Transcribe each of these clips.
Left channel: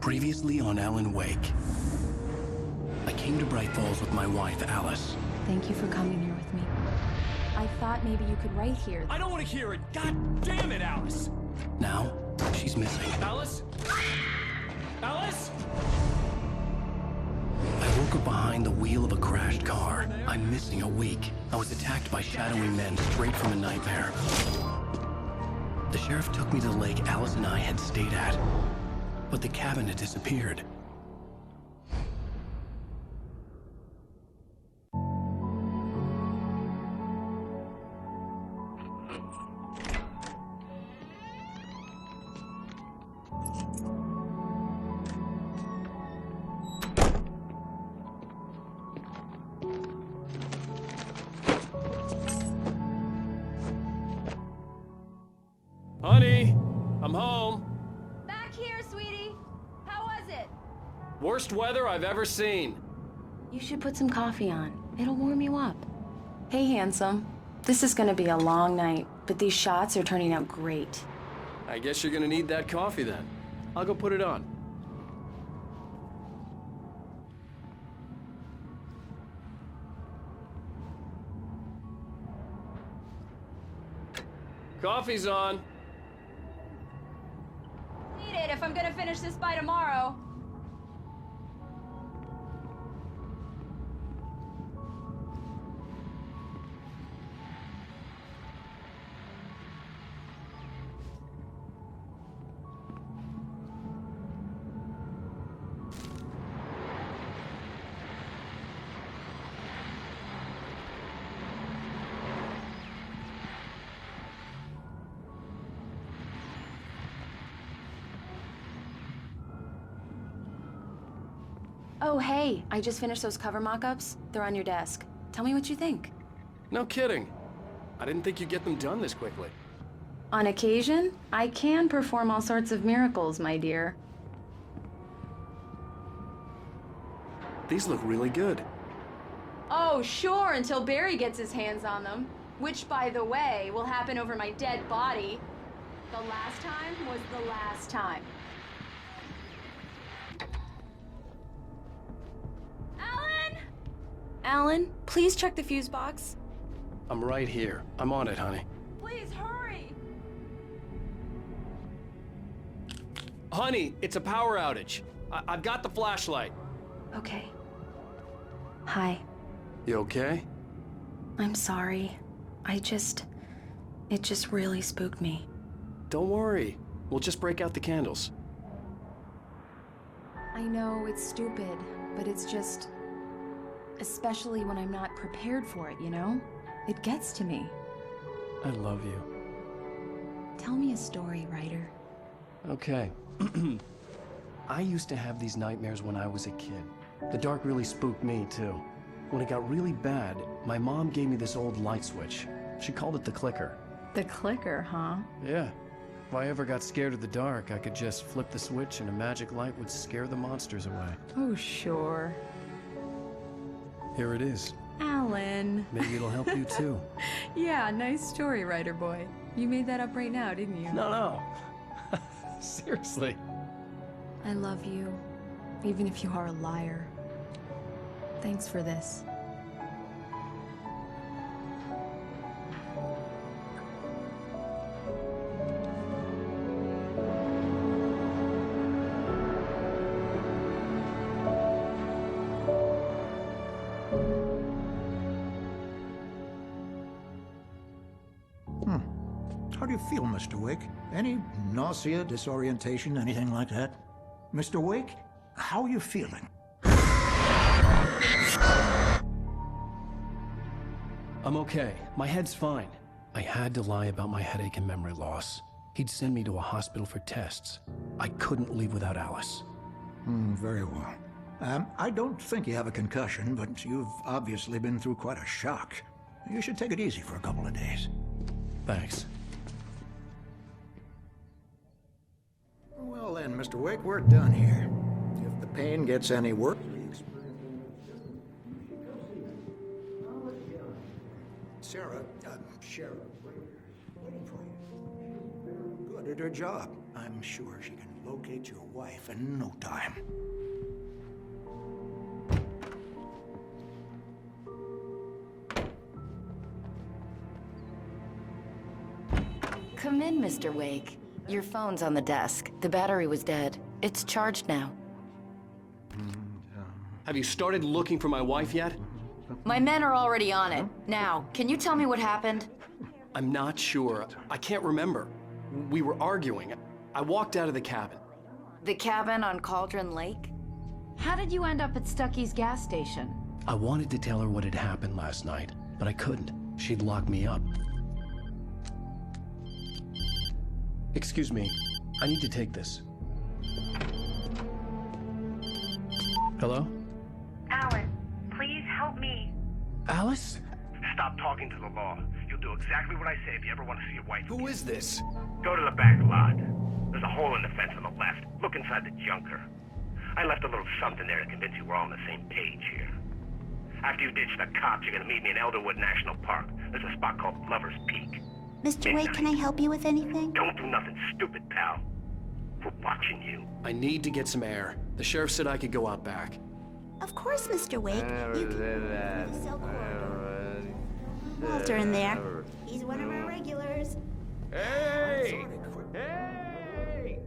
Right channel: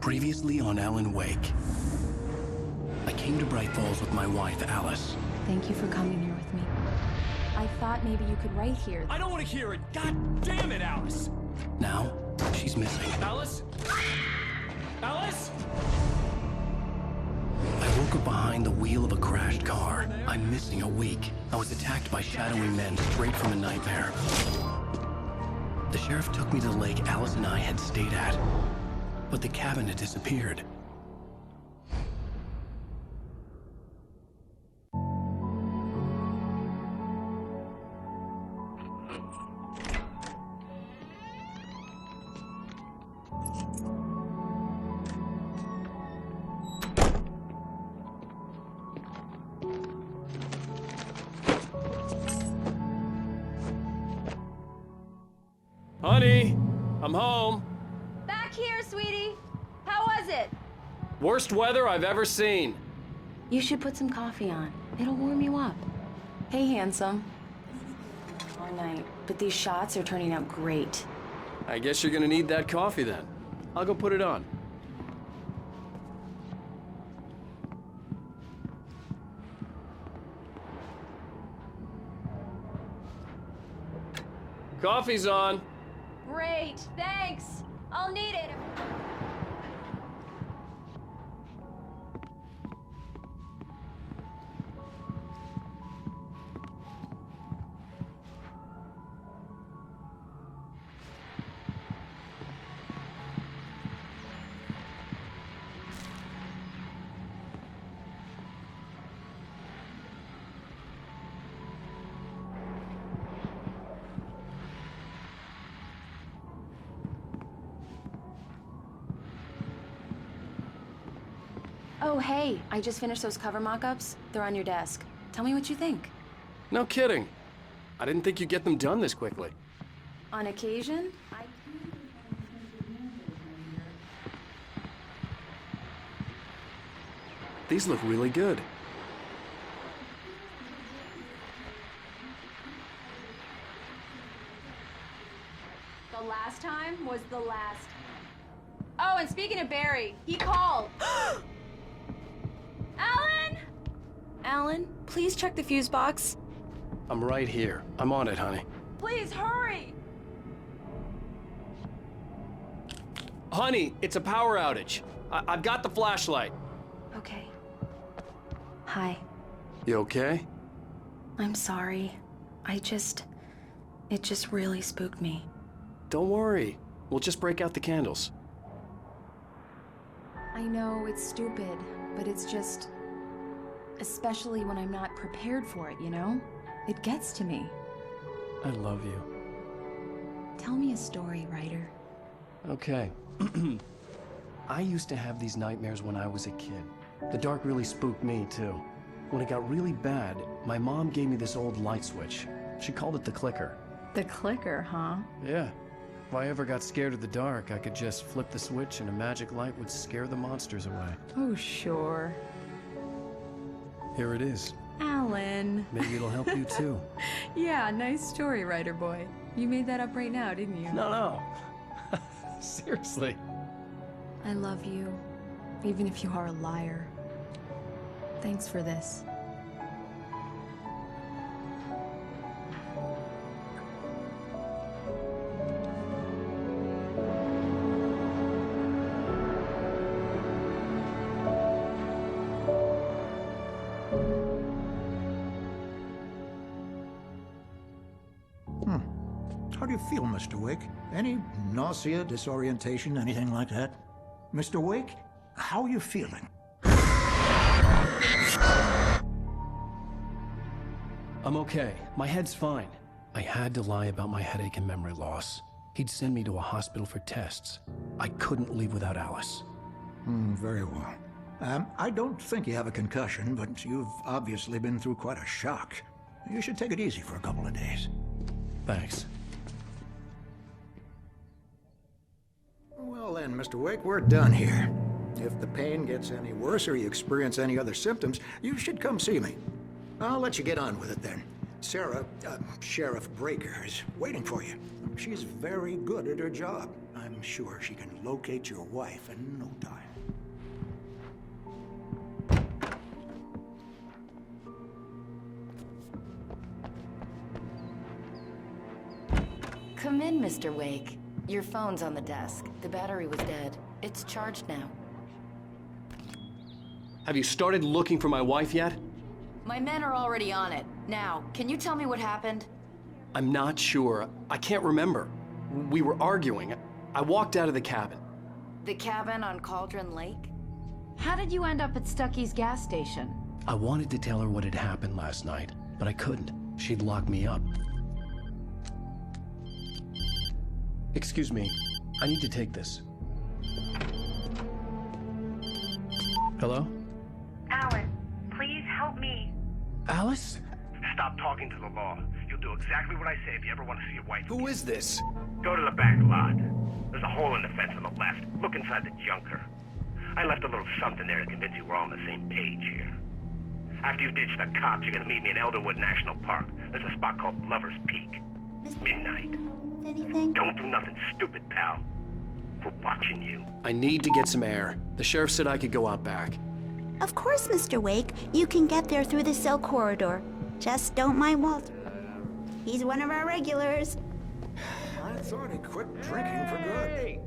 Previously on Alan Wake. I came to Bright Falls with my wife, Alice. Thank you for coming here with me. I thought maybe you could write here. I don't want to hear it! God damn it, Alice! Now, she's missing. Alice? Alice? I woke up behind the wheel of a crashed car. I'm missing a week. I was attacked by shadowy men straight from a nightmare. The sheriff took me to the lake Alice and I had stayed at, but the cabin had disappeared. Honey, I'm home. Back here, sweetie. How was it? Worst weather I've ever seen. You should put some coffee on. It'll warm you up. Hey, handsome. This is gonna be a long night, but these shots are turning out great. I guess you're gonna need that coffee then. I'll go put it on. Coffee's on. Great, thanks. I'll need it if I'm gonna finish this by tomorrow. Oh, hey, I just finished those cover mock-ups. They're on your desk. Tell me what you think. No kidding. I didn't think you'd get them done this quickly. On occasion, I can perform all sorts of miracles, my dear. These look really good. Oh, sure, until Barry gets his hands on them. Which, by the way, will happen over my dead body. The last time was the last time. Oh, and speaking of Barry, he called. Alan? Alan, please check the fuse box. I'm right here. I'm on it, honey. Please, hurry! Honey, it's a power outage. I've got the flashlight. Okay. Hi. You okay? I'm sorry. It just really spooked me. Don't worry. We'll just break out the candles. I know it's stupid, but it's just... especially when I'm not prepared for it, you know? It gets to me. I love you. Tell me a story, writer. Okay. I used to have these nightmares when I was a kid. The dark really spooked me, too. When it got really bad, my mom gave me this old light switch. She called it the clicker. The clicker, huh? Yeah. If I ever got scared of the dark, I could just flip the switch and a magic light would scare the monsters away. Oh, sure. Here it is. Alan. Maybe it'll help you, too. Yeah, nice story, writer boy. You made that up right now, didn't you? No. Seriously. I love you, even if you are a liar. Thanks for this. How do you feel, Mr. Wake? Any nausea, disorientation, anything like that? Mr. Wake, how are you feeling? I'm okay. My head's fine. I had to lie about my headache and memory loss. He'd send me to a hospital for tests. I couldn't leave without Alice. Very well. I don't think you have a concussion, but you've obviously been through quite a shock. You should take it easy for a couple of days. Thanks. Well then, Mr. Wake, we're done here. If the pain gets any worse or you experience any other symptoms, you should come see me. I'll let you get on with it then. Sarah, Sheriff Breaker, is waiting for you. She's very good at her job. I'm sure she can locate your wife in no time. Come in, Mr. Wake. Your phone's on the desk. The battery was dead. It's charged now. Have you started looking for my wife yet? My men are already on it. Now, can you tell me what happened? I'm not sure. I can't remember. We were arguing. I walked out of the cabin. The cabin on Cauldron Lake? How did you end up at Stucky's gas station? I wanted to tell her what had happened last night, but I couldn't. She'd lock me up. Excuse me. I need to take this. Hello? Alice, please help me. Alice? Stop talking to the law. You'll do exactly what I say if you ever want to see your wife. Who is this? Go to the back lot. There's a hole in the fence on the left. Look inside the junker. I left a little something there to convince you we're all on the same page here. After you ditch the cops, you're gonna meet me in Elderwood National Park. There's a spot called Lover's Peak. Mr. Wake, can I help you with anything? Don't do nothing stupid, pal. We're watching you. I need to get some air. The sheriff said I could go out back. Of course, Mr. Wake. You can get there through the cell corridor. Just don't mind Walter in there. He's one of our regulars. I thought he quit drinking for good.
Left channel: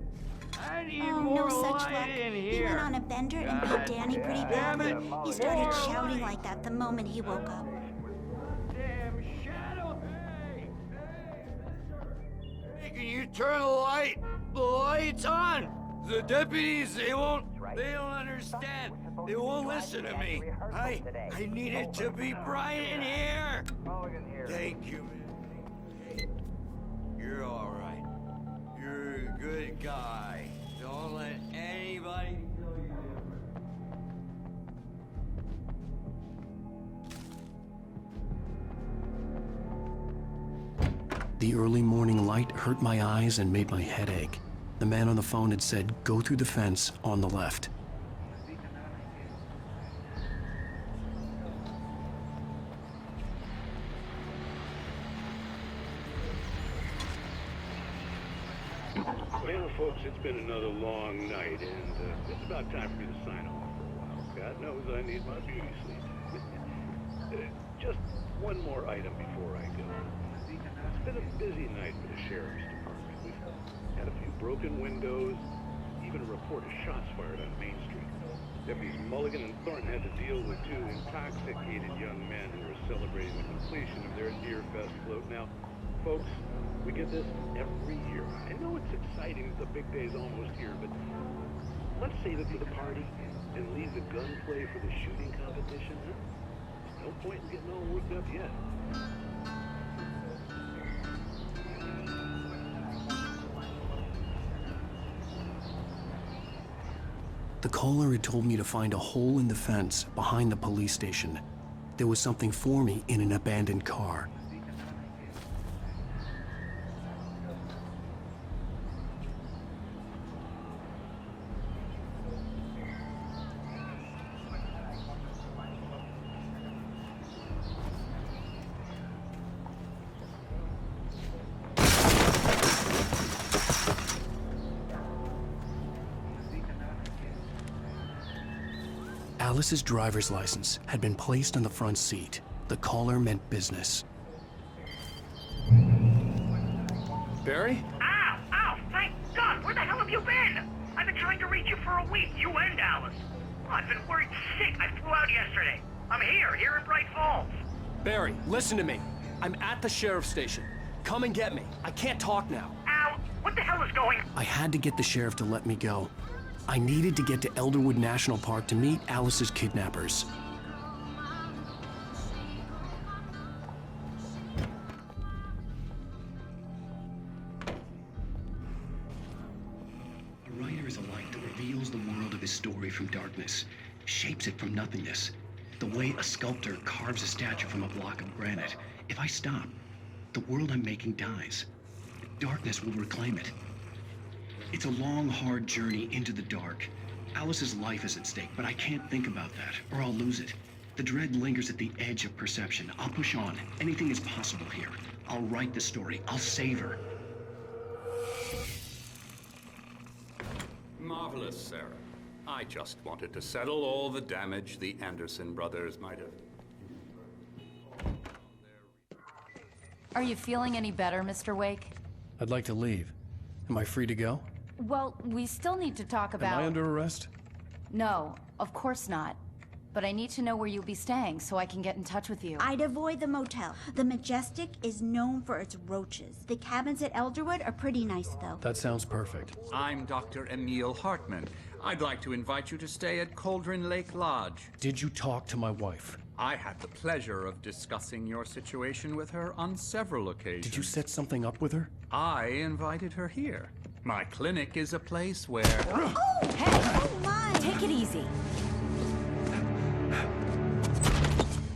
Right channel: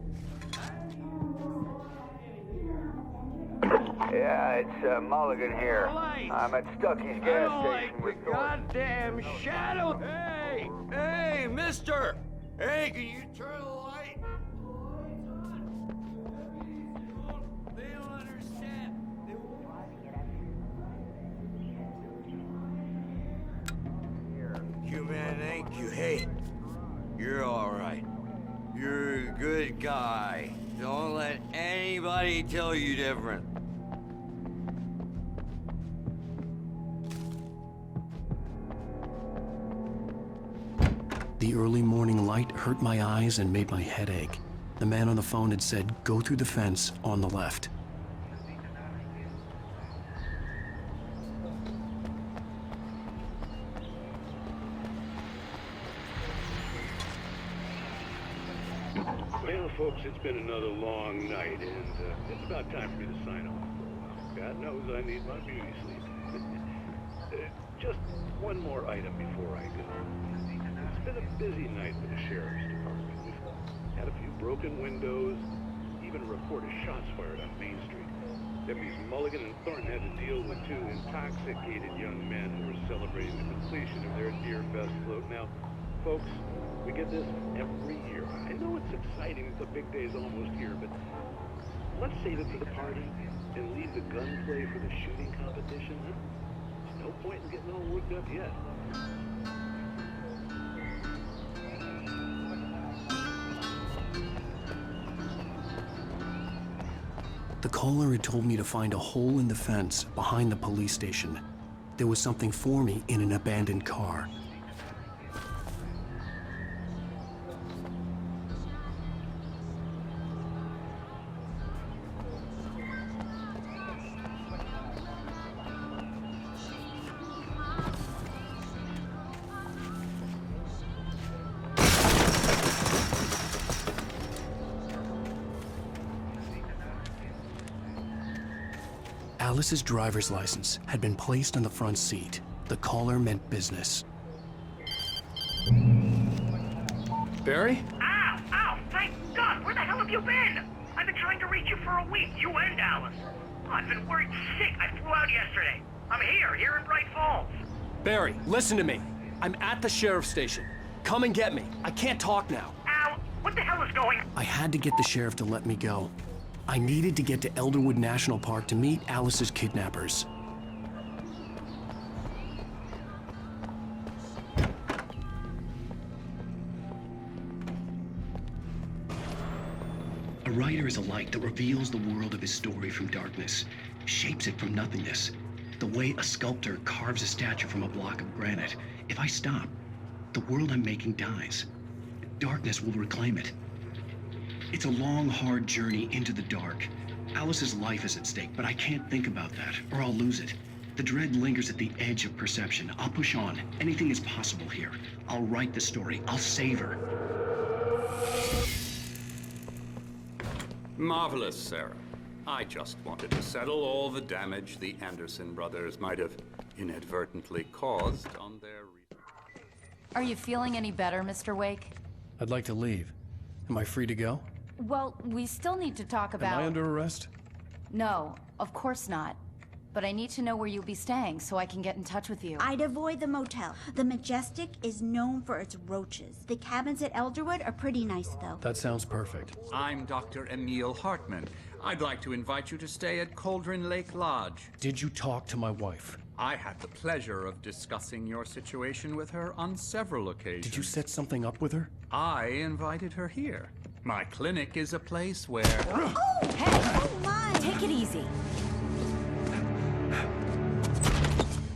Oh, no such luck. He went on a bender and made Danny pretty Yeah, bad. it's Mulligan He started here. shouting like I'm that at the moment Stucky's he gas walked. station with Goddamn shadow! Hey, mister! Hey, can you turn the light? The light's on! The deputies, they don't understand. They won't listen to me. I need it to be bright in here. Thank you, man, thank you. Hey, you're all right. You're a good guy. Don't let anybody tell you different. The early morning light hurt my eyes and made my head ache. The man on the phone had said, go through the fence on the left. Well, folks, it's been another long night, and it's about time for me to sign off for a while. God knows I need my beauty sleep. Just one more item before I go. It's been a busy night for the sheriff's department. We've had a few broken windows, even a report of shots fired on Main Street. Deputies Mulligan and Thornton had to deal with two intoxicated young men who were celebrating the completion of their Deer Fest float. Now, folks, we get this every year. I know it's exciting that the big day's almost here, but let's save it for the party and leave the gunplay for the shooting competition, huh? There's no point in getting all worked up yet. The caller had told me to find a hole in the fence behind the police station. There was something for me in an abandoned car. Alice's driver's license had been placed on the front seat. The caller meant business. Barry? Ow! Ow! Thank God! Where the hell have you been? I've been trying to reach you for a week, you and Alice. I've been worried sick. I flew out yesterday. I'm here in Bright Falls. Barry, listen to me. I'm at the sheriff's station. Come and get me. I can't talk now. Ow! What the hell is going on? I had to get the sheriff to let me go. I needed to get to Elderwood National Park to meet Alice's kidnappers. A writer is a light that reveals the world of his story from darkness, shapes it from nothingness. The way a sculptor carves a statue from a block of granite. If I stop, the world I'm making dies. Darkness will reclaim it. It's a long, hard journey into the dark. Alice's life is at stake, but I can't think about that, or I'll lose it. The dread lingers at the edge of perception. I'll push on. Anything is possible here. I'll write the story. I'll save her. Marvelous, Sarah. I just wanted to settle all the damage the Anderson brothers might have inadvertently caused on their... Are you feeling any better, Mr. Wake? I'd like to leave. Am I free to go? Well, we still need to talk about... Am I under arrest? No, of course not. But I need to know where you'll be staying so I can get in touch with you. I'd avoid the motel. The Majestic is known for its roaches. The cabins at Elderwood are pretty nice, though. That sounds perfect. I'm Dr. Emil Hartman. I'd like to invite you to stay at Cauldron Lake Lodge. Did you talk to my wife? I had the pleasure of discussing your situation with her on several occasions. Did you set something up with her? I invited her here. My clinic is a place where... Oh! Hey! Oh, my! Take it easy.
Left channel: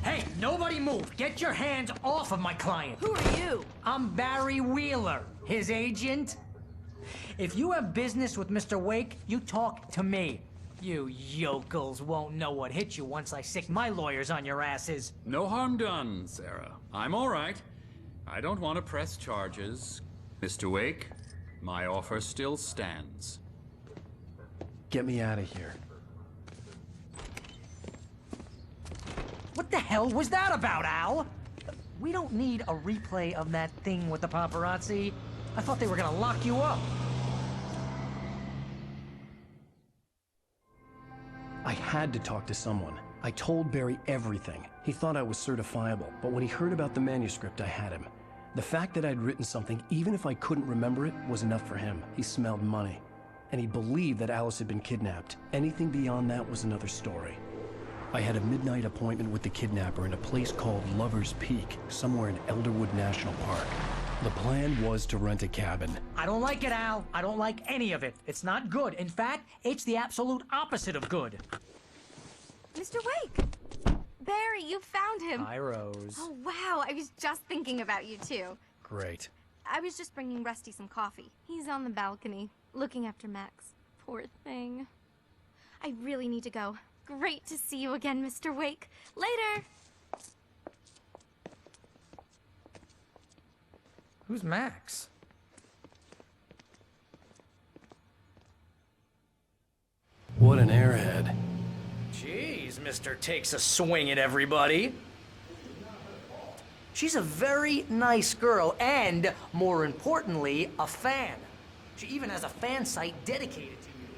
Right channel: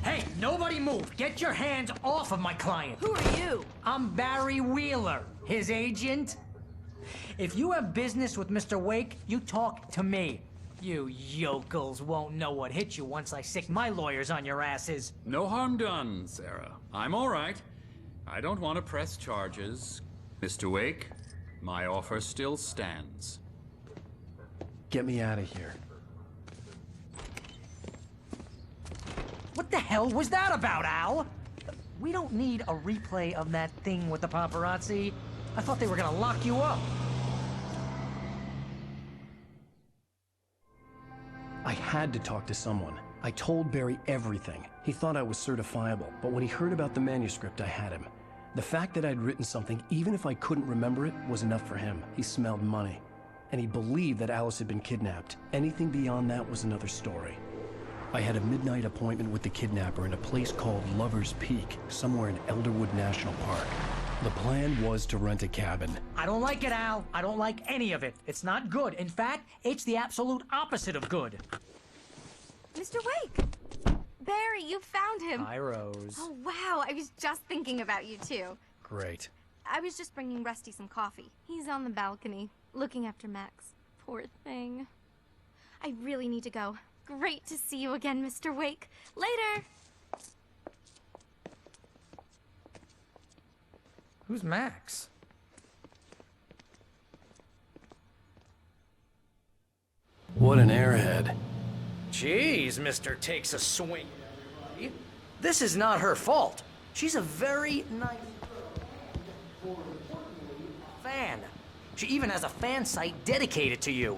Hey, nobody move! Get your hands off of my client! Who are you? I'm Barry Wheeler, his agent. If you have business with Mr. Wake, you talk to me. You yokels won't know what hit you once I sick my lawyers on your asses. No harm done, Sarah. I'm all right. I don't want to press charges. Mr. Wake, my offer still stands. Get me out of here. What the hell was that about, Al? We don't need a replay of that thing with the paparazzi. I thought they were gonna lock you up. I had to talk to someone. I told Barry everything. He thought I was certifiable, but when he heard about the manuscript, I had him. The fact that I'd written something, even if I couldn't remember it, was enough for him. He smelled money. And he believed that Alice had been kidnapped. Anything beyond that was another story. I had a midnight appointment with the kidnapper in a place called Lover's Peak, somewhere in Elderwood National Park. The plan was to rent a cabin. I don't like it, Al. I don't like any of it. It's not good. In fact, it's the absolute opposite of good. Mr. Wake! Barry, you found him. Hi, Rose. Oh, wow. I was just thinking about you, too. Great. I was just bringing Rusty some coffee. He's on the balcony, looking after Max. Poor thing. I really need to go. Great to see you again, Mr. Wake. Later! Who's Max? What an airhead. Jeez, Mr. Takes a swing at everybody. This is not her fault. She's a very nice girl and, more importantly, a fan. She even has a fan site dedicated to you.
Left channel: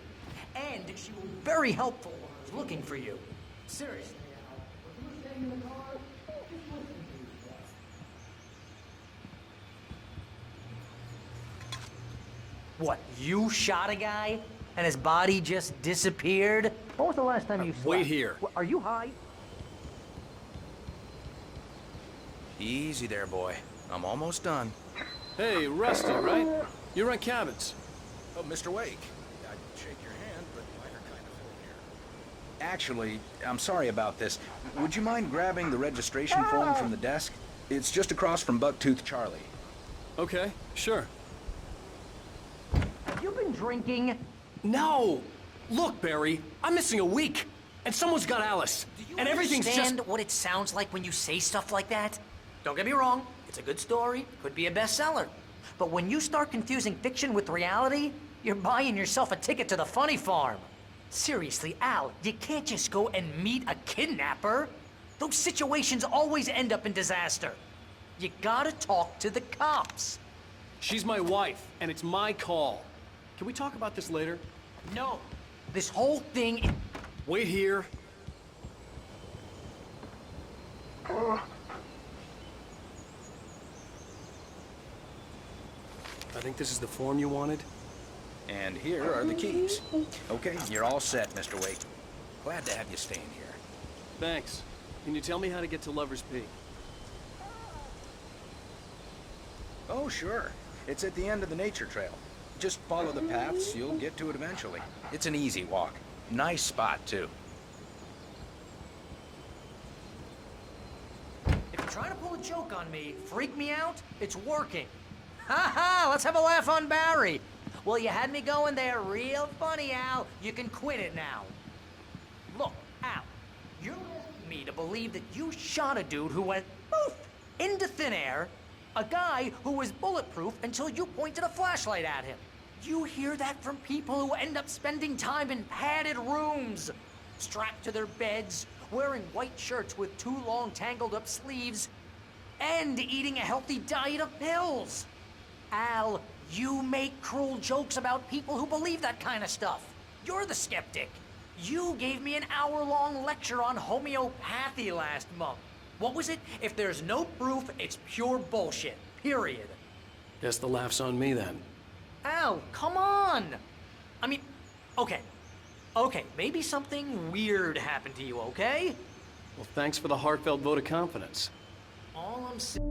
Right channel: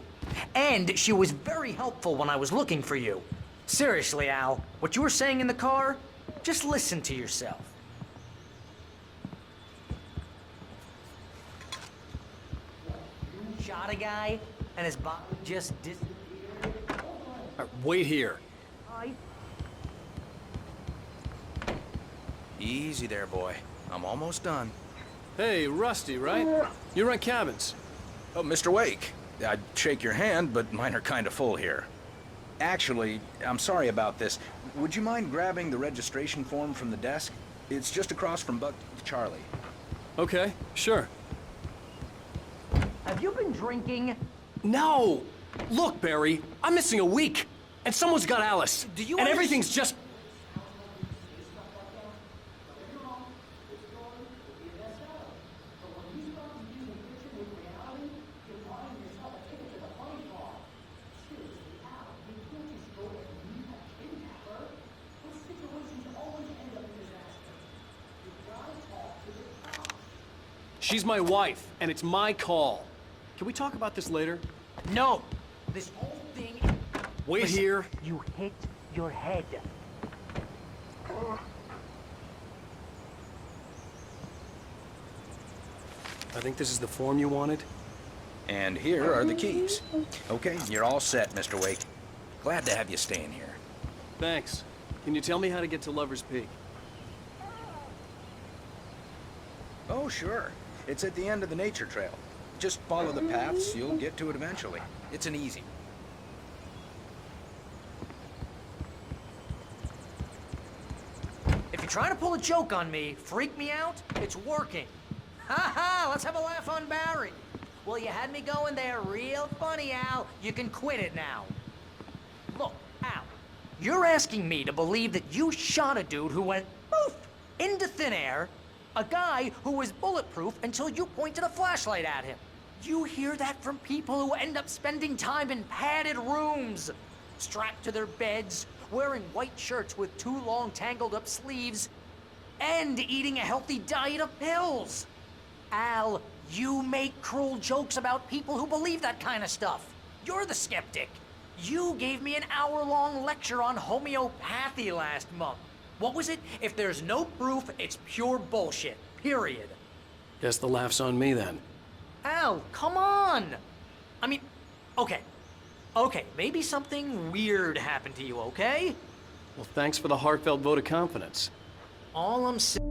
And she was very helpful when I was looking for you. Seriously, Al, what you were saying in the car, just listen to yourself. What, you shot a guy and his body just disappeared? When was the last time you Wait here. Are you high? Easy there, boy. I'm almost done. Hey, Rusty, right? You rent cabins. Oh, Mr. Wake. I'd shake your hand, but mine are kind of full here. Actually, I'm sorry about this. Would you mind grabbing the registration form from the desk? It's just across from Bucktooth Charlie. Okay, sure. Have you been drinking? No! Look, Barry, I'm missing a week, and someone's got Alice. Do you and everything's understand just... what it sounds like when you say stuff like that? Don't get me wrong, it's a good story, could be a bestseller. But when you start confusing fiction with reality, you're buying yourself a ticket to the funny farm. Seriously, Al, you can't just go and meet a kidnapper. Those situations always end up in disaster. You gotta talk to the cops. She's my wife, and it's my call. Can we talk about this later? No, this whole thing... Wait here. You hit your head. I think this is the form you wanted. And here are the keys. Okay, you're all set, Mr. Wake. Glad to have you staying here. Thanks. Can you tell me how to get to Lover's Peak? Oh, sure. It's at the end of the nature trail. Just follow the paths, you'll get to it eventually. It's an easy walk. Nice spot, too. If you're trying to pull a joke on me, freak me out, it's working. Ha ha, let's have a laugh on Barry. Well, you had me going there real funny, Al. You can quit it now. Look, Al, you're asking me to believe that you shot a dude who went poof into thin air, a guy who was bulletproof until you pointed a flashlight at him. You hear that from people who end up spending time in padded rooms, strapped to their beds, wearing white shirts with too long tangled up sleeves, and eating a healthy diet of pills. Al, you make cruel jokes about people who believe that kind of stuff. You're the skeptic. You gave me an hour-long lecture on homeopathy last month. What was it? If there's no proof, it's pure bullshit. Period. Guess the laugh's on me then. Al, come on! I mean, okay. Okay, maybe something weird happened to you, okay? Well, thanks for the heartfelt vote of confidence. All I'm saying...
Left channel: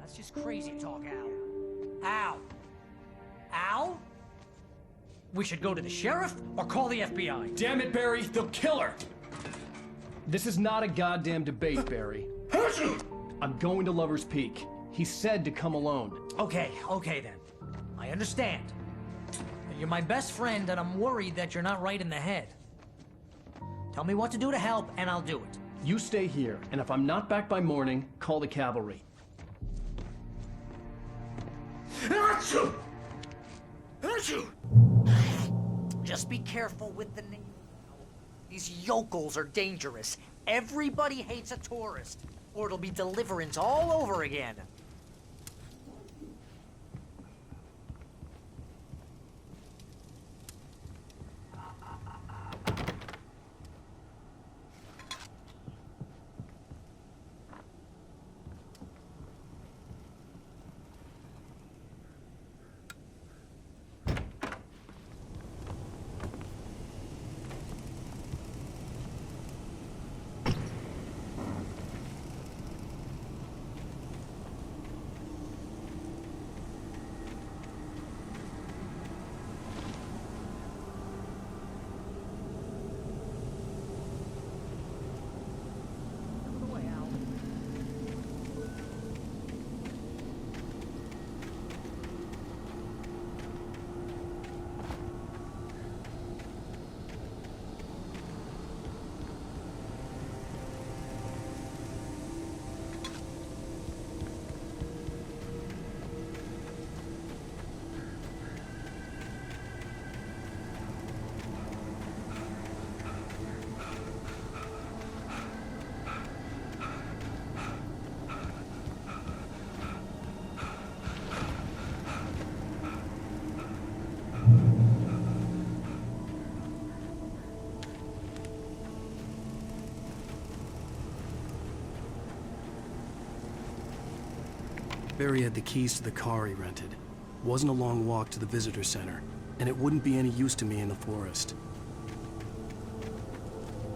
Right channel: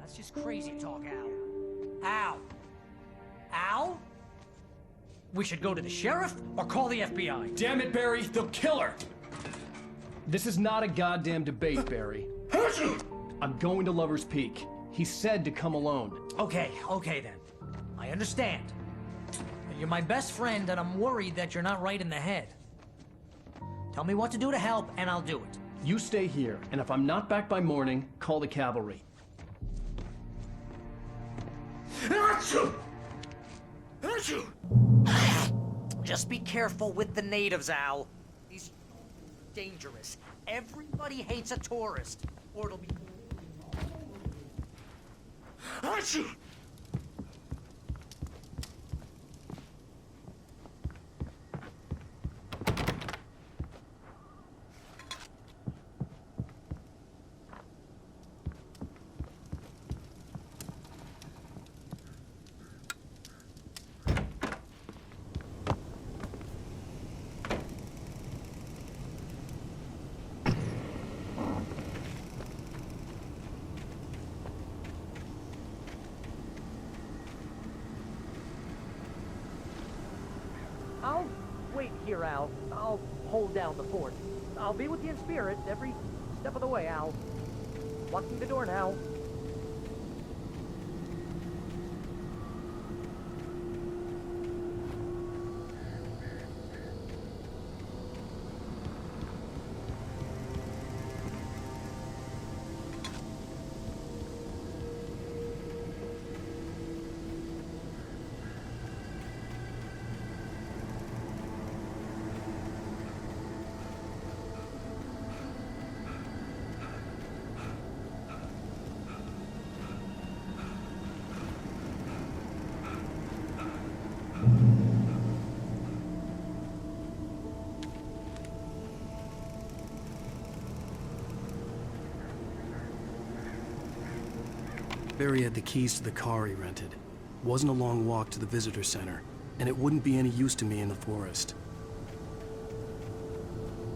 That's just crazy talk, Al. Al! Al? We should go to the sheriff or call the FBI. Damn it, Barry, they'll kill her! This is not a goddamn debate, Barry. I'm going to Lover's Peak. He said to come alone. Okay then. I understand. You're my best friend, and I'm worried that you're not right in the head. Tell me what to do to help, and I'll do it. You stay here, and if I'm not back by morning, call the cavalry. Just be careful with the natives, Al. These yokels are dangerous. Everybody hates a tourist, or it'll be Deliverance all over again. I'll wait here, Al. I'll hold down the fort. I'll be with you in spirit every step of the way, Al. Walk through the door now. Barry had the keys to the car he rented. Wasn't a long walk to the visitor center, and it wouldn't be any use to me in the forest.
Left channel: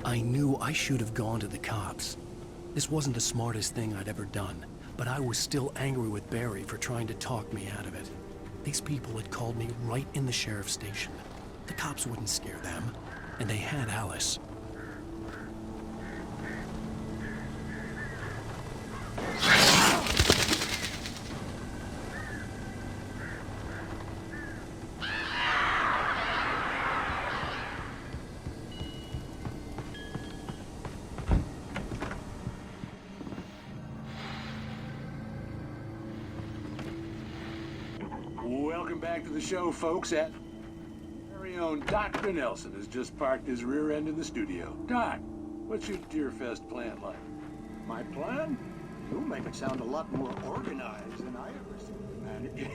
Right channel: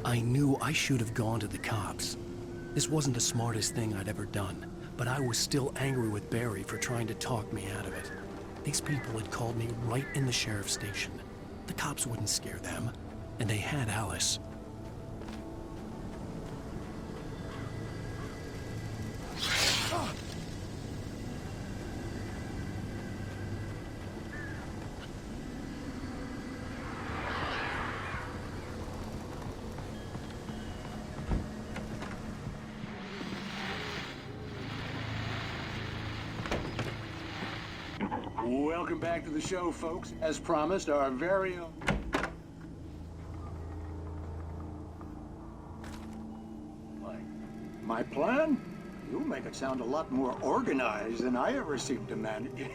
I knew I should have gone to the cops. This wasn't the smartest thing I'd ever done, but I was still angry with Barry for trying to talk me out of it. These people had called me right in the sheriff's station. The cops wouldn't scare them, and they had Alice. Welcome back to the show, folks. As promised, our very own Dr. Nelson has just parked his rear end in the studio. Doc, what's your Deerfest plan like? My plan? You make it sound a lot more organized than I ever seem to manage.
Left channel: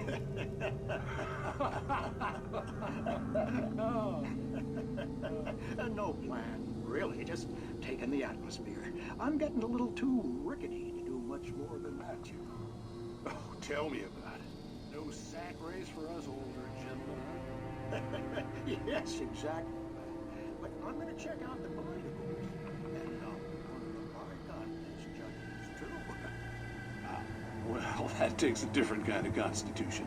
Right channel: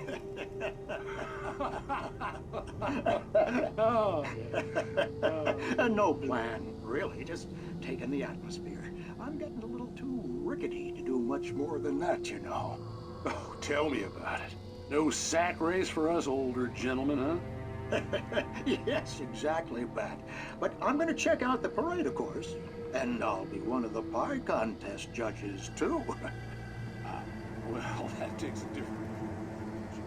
No plan, really. Just taking the atmosphere. I'm getting a little too rickety to do much more than that, you know. Oh, tell me about it. No sack race for us older gentlemen, huh? Yes, exactly, Bat. But I'm going to check out the parade, of course. And I'll be one of the pie contest judges, too. Well, that takes a different kind of constitution.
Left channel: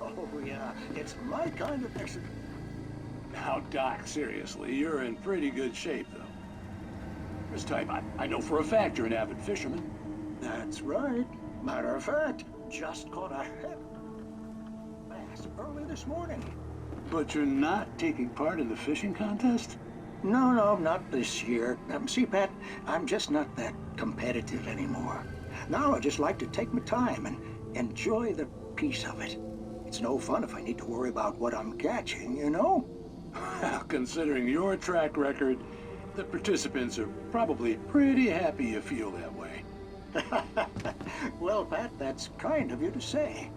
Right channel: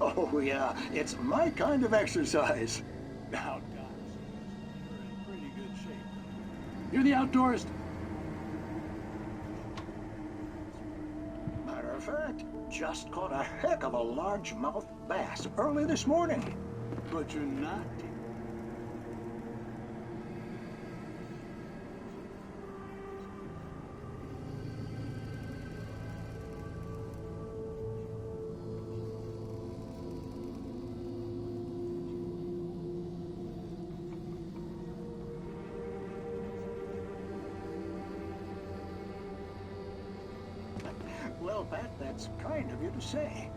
Oh, yeah. It's my kind of exercise. Now, Doc, seriously, you're in pretty good shape, though. You're the outdoors type. I know for a fact you're an avid fisherman. That's right. Matter of fact, just caught a heck of a largemouth bass early this morning. But you're not taking part in the fishing contest? No, not this year. See, Pat, I'm just not that competitive anymore. Now I just like to take my time and enjoy the peace of it. It's no fun if I need to worry about what I'm catching, you know? Considering your track record, the participants are probably pretty happy you feel that way. Well, Pat, that's kind of you to say.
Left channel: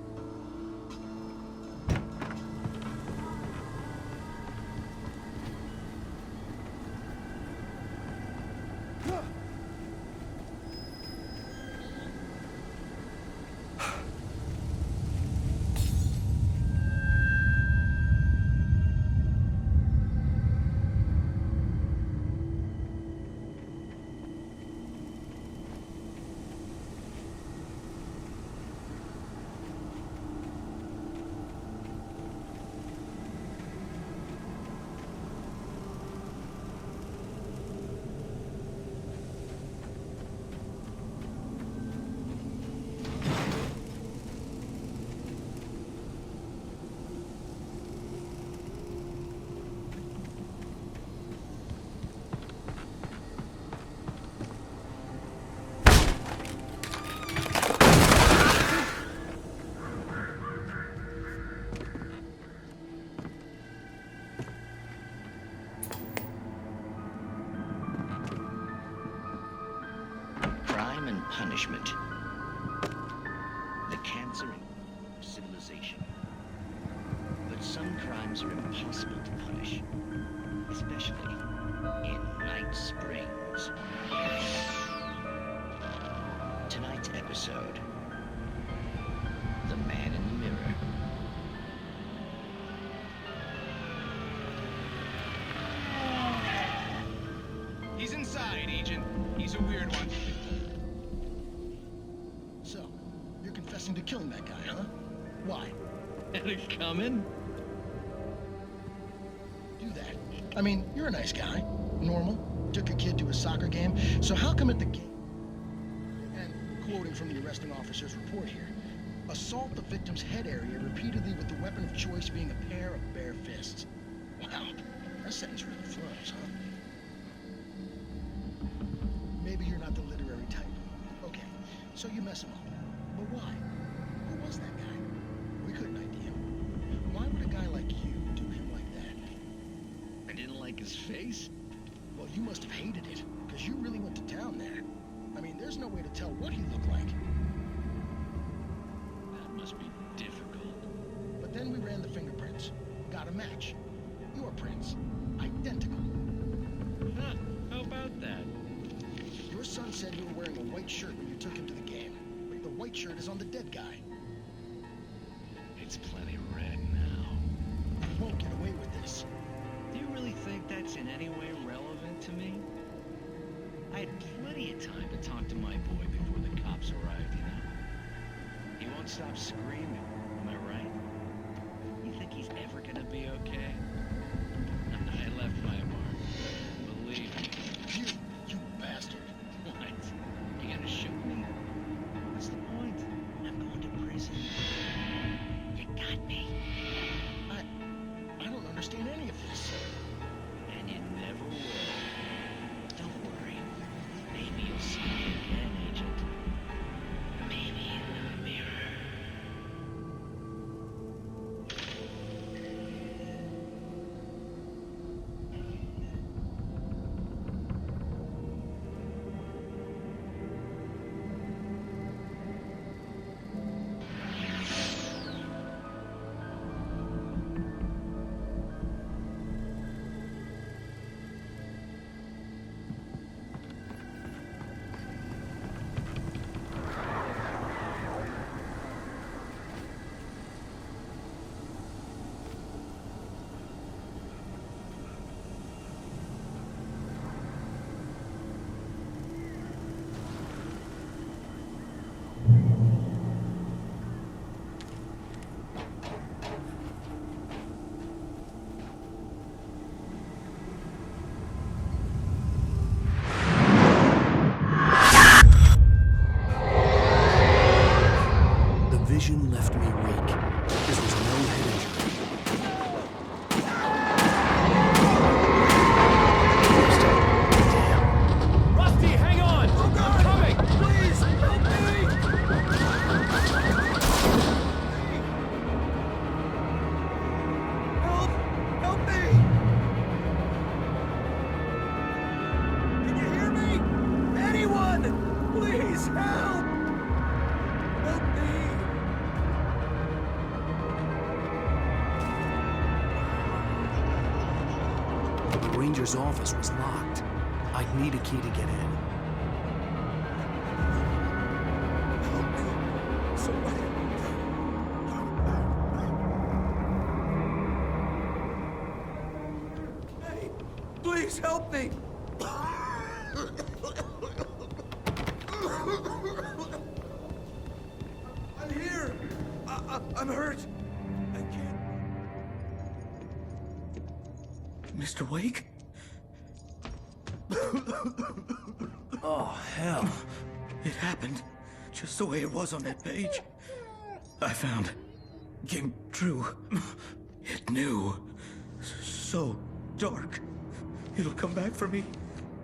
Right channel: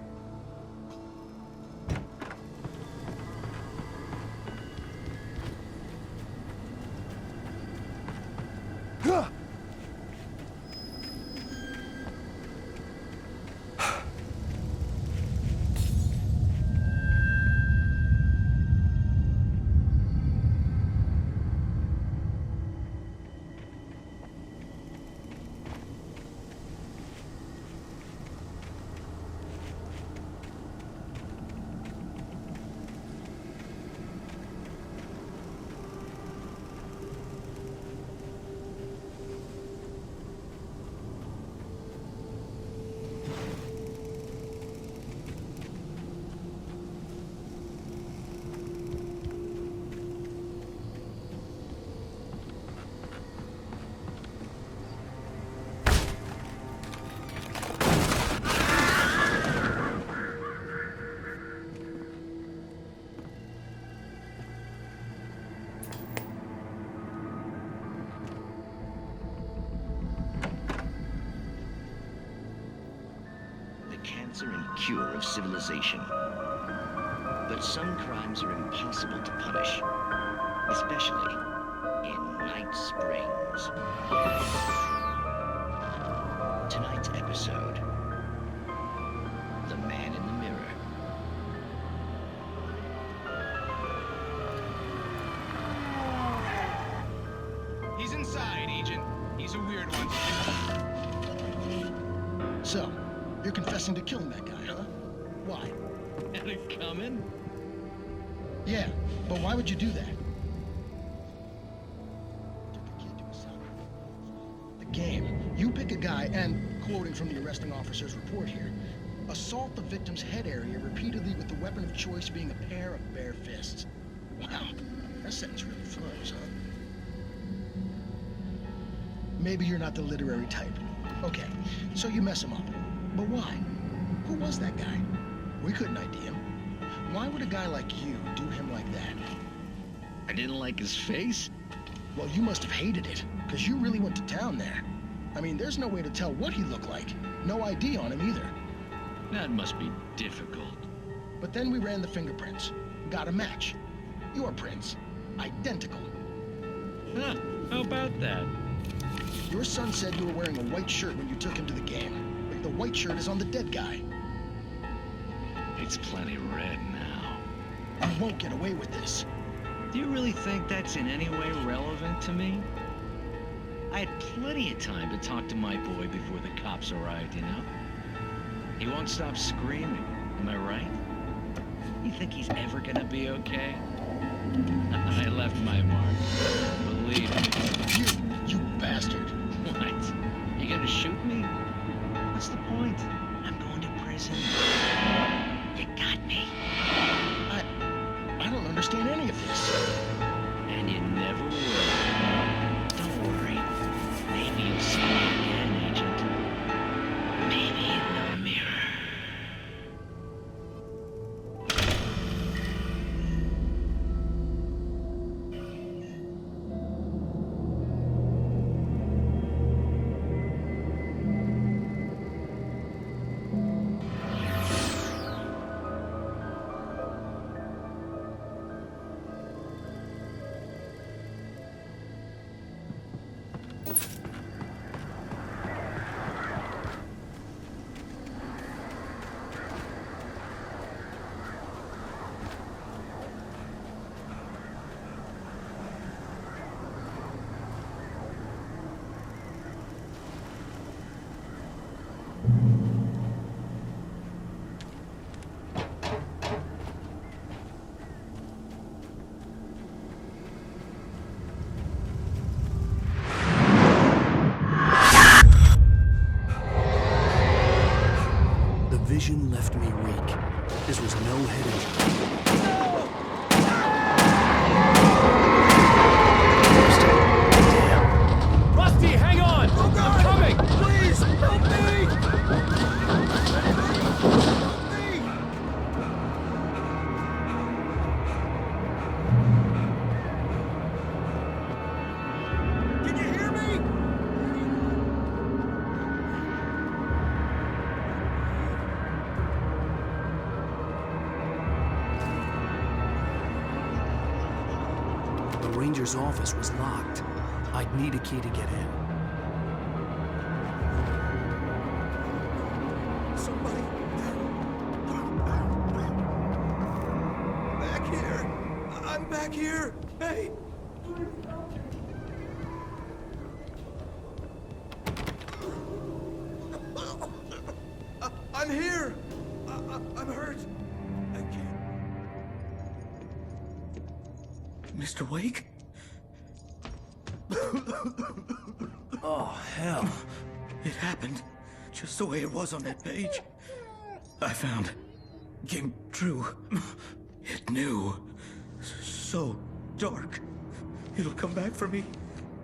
Punishment. The cancer and cure of civilization. But some crimes are impossible to punish, especially in Night Springs. Tonight's episode, The Man in the Mirror. He's inside, Agent. He's a weird one. So, you're confessing to killing that guy, huh? Why? Had it coming? Yeah, but why would you do that? I mean, you're a nice guy. Normal. Took your kid to a soccer game. So how come at the game, you pick a guy and, quoting from the arresting officer's report here, assault the victim's head area repeatedly with the weapon of choice being a pair of bare fists? Wow, that sentence really flows, huh? Maybe you're not the literary type. Okay, so you mess him up. But why? Who was that guy? We couldn't ID him. Why would a guy like you do him like that? I didn't like his face? Well, you must have hated it, because you really went to town there. I mean, there's no way to tell what he looked like. No ID on him either. That must be difficult. But then we ran the fingerprints. Got a match. Your prints. Identical. Huh, how about that? Your son said you were wearing a white shirt when you took him to the game. But the white shirt is on the dead guy. It's plenty red now. You won't get away with this. Do you really think that's in any way relevant to me? I had plenty of time to talk to my boy before the cops arrived, you know? He won't stop screaming, am I right? You think he's ever gonna be okay? I left my mark. Believe me. You bastard. What? You gonna shoot me? What's the point? I'm going to prison. You got me. I don't understand any of this. And you never will. Don't worry. Maybe you'll see me again, Agent. Maybe in the mirror. Vision left me weak. This was no head injury. ranger's office was locked. I'd need a key to get in. Somebody. Back here. I'm back here. Hey, please help me. I'm here. I'm hurt. I can't. Mr. Wake? Oh, hell. It happened just the way it was on that page. I found. Came true. It knew. So dark. It'll come back for me.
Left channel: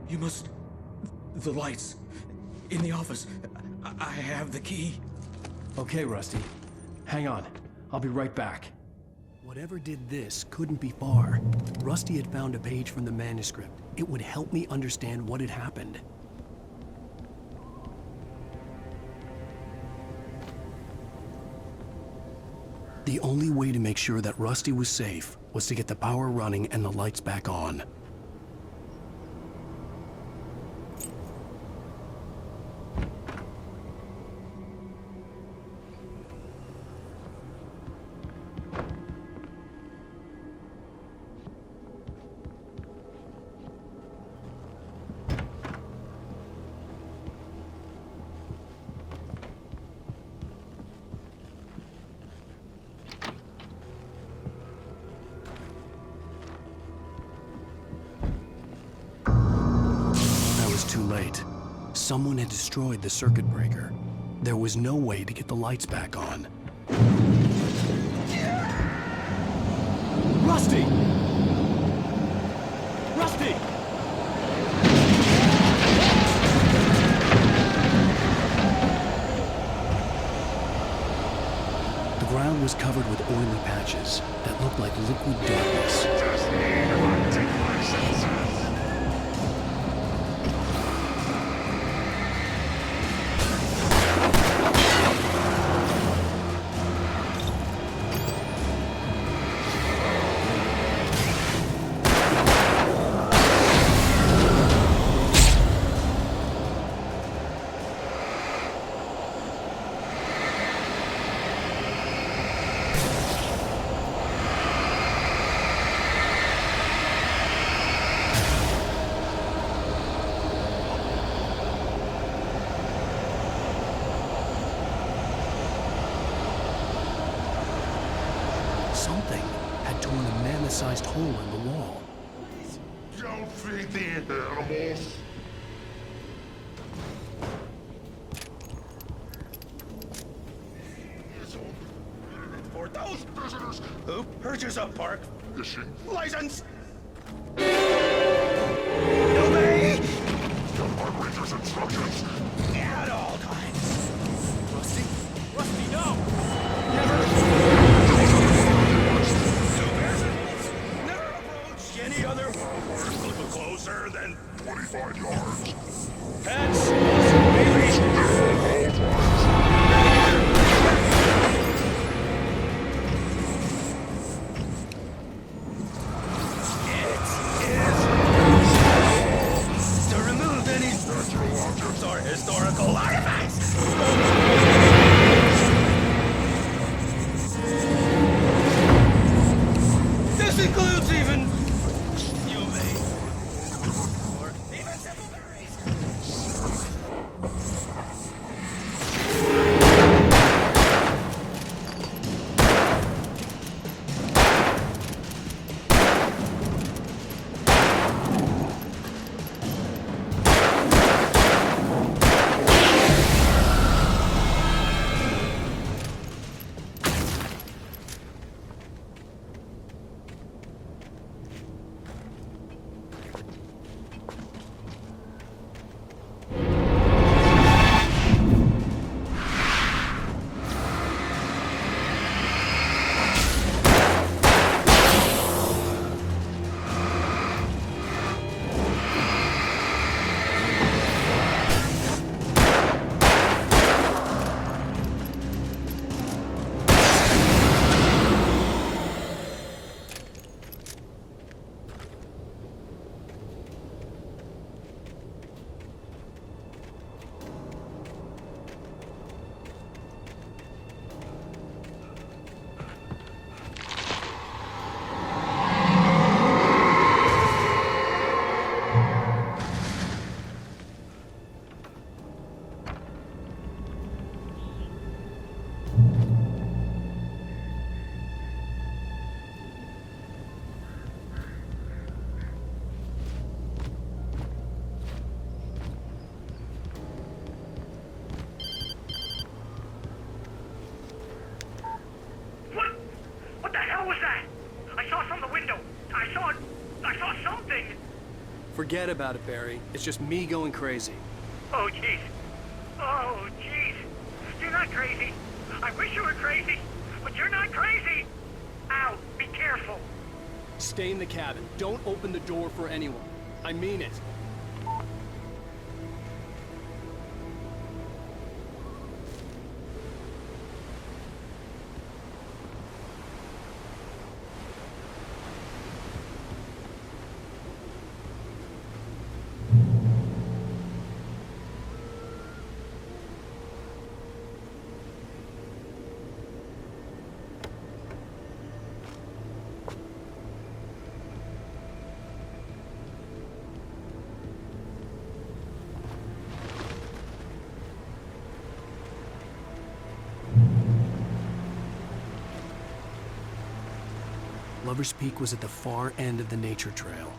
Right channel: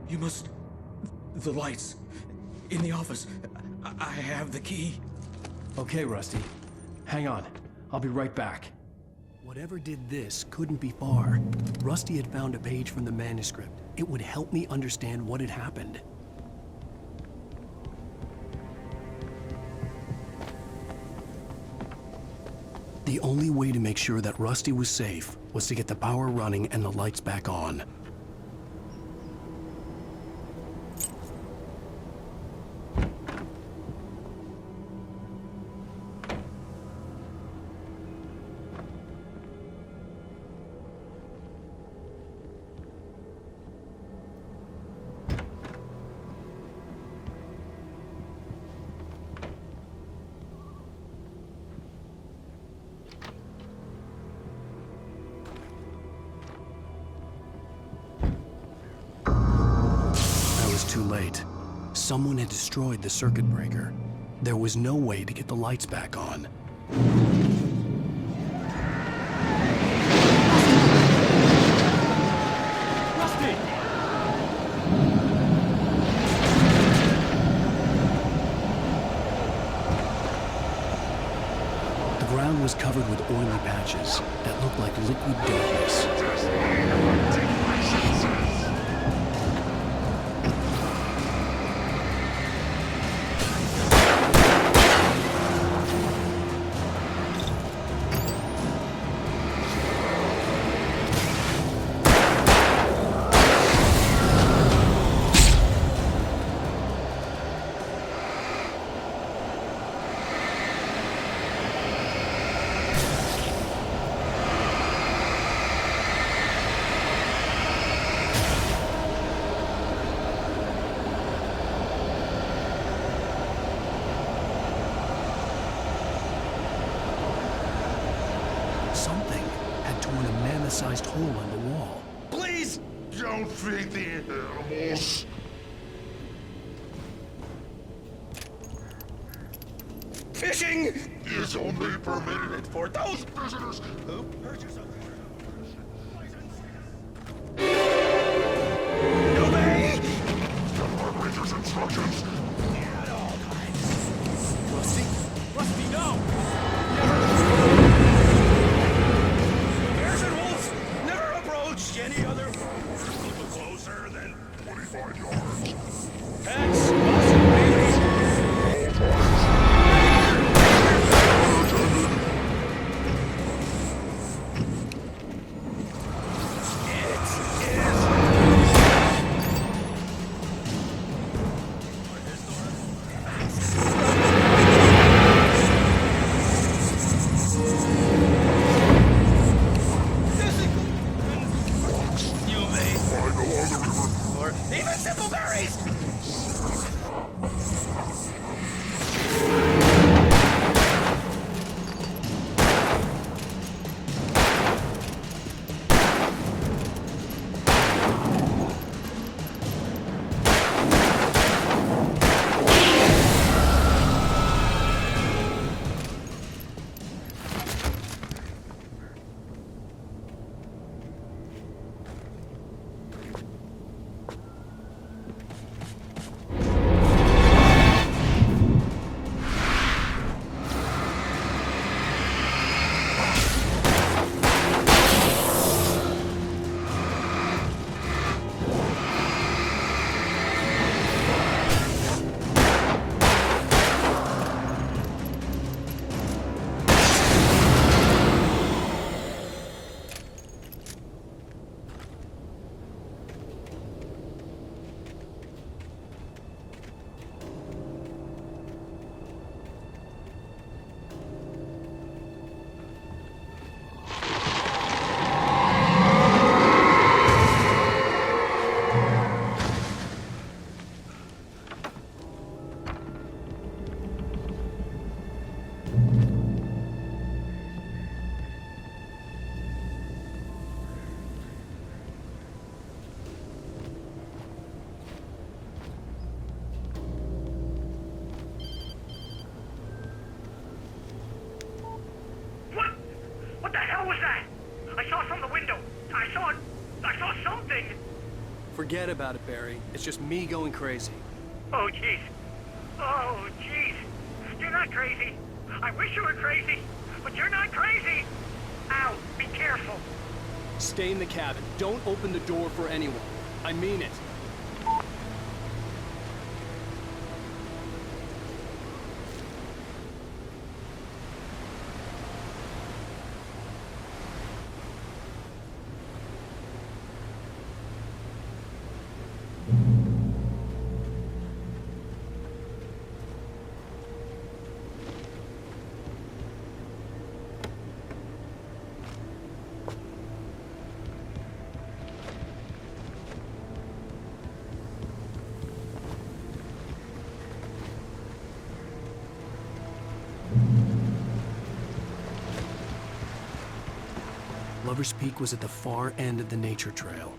You must... The lights. In the office. I have the key. Okay, Rusty. Hang on. I'll be right back. Whatever did this couldn't be far. Rusty had found a page from the manuscript. It would help me understand what had happened. The only way to make sure that Rusty was safe was to get the power running and the lights back on. Too late. Someone had destroyed the circuit breaker. There was no way to get the lights back on. Rusty! Rusty! The ground was covered with oily patches that looked like liquid darkness. Something had torn a mammoth-sized hole in the wall. Please! Don't feed the animals. Fishing is only permitted for those visitors who purchase a park fishing license. Obey the park ranger's instructions at all times. Rusty? Rusty, no! Never. To bears and wolves, never approach any other wolves closer than 25 yards. Pets must be leashed. Forget about it, Barry. It's just me going crazy. Oh, jeez. Oh, jeez. You're not crazy. I wish you were crazy, but you're not crazy. Ow, be careful. Stay in the cabin. Don't open the door for anyone. I mean it. Lover's Peak was at the far end of the nature trail.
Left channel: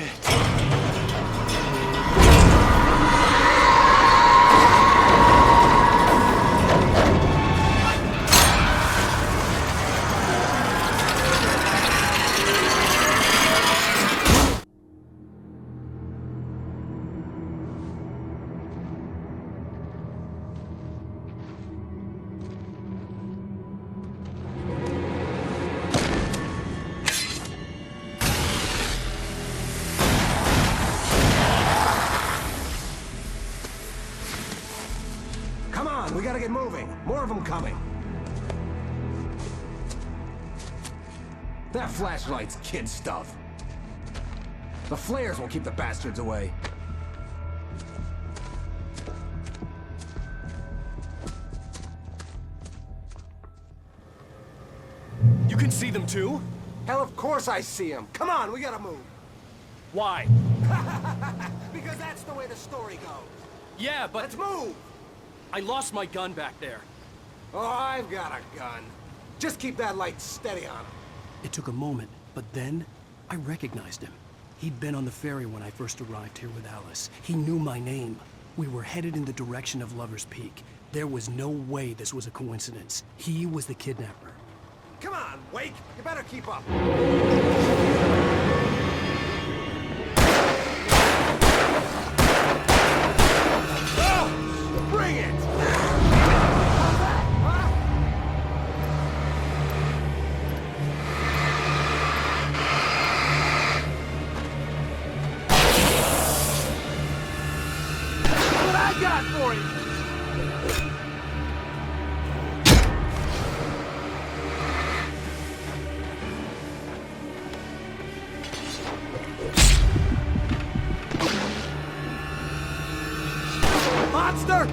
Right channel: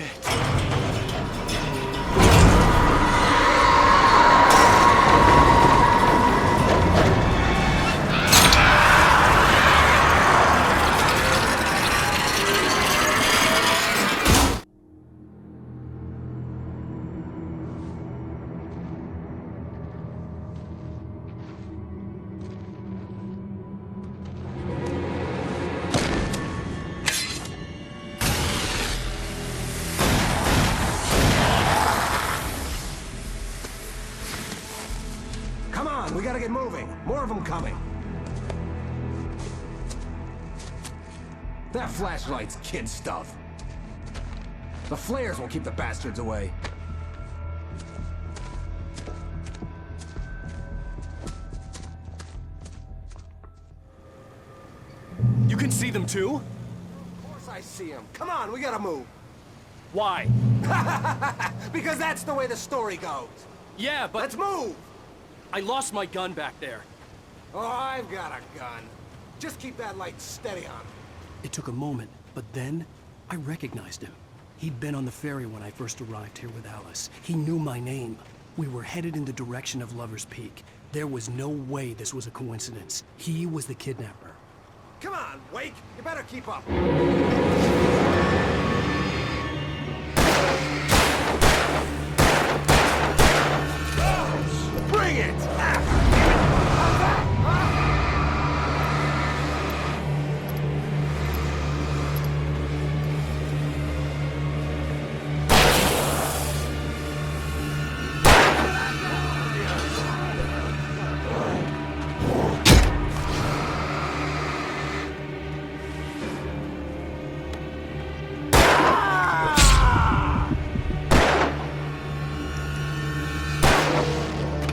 Shit. Come on, we gotta get moving. More of them coming. That flashlight's kid stuff. The flares will keep the bastards away. You can see them too? Hell, of course I see them. Come on, we gotta move. Why? Because that's the way the story goes. Yeah, but... Let's move! I lost my gun back there. Oh, I've got a gun. Just keep that light steady on him. It took a moment, but then I recognized him. He'd been on the ferry when I first arrived here with Alice. He knew my name. We were headed in the direction of Lover's Peak. There was no way this was a coincidence. He was the kidnapper. Come on, Wake. You better keep up. Oh, bring it! How's that, huh? What I got for you? Monster!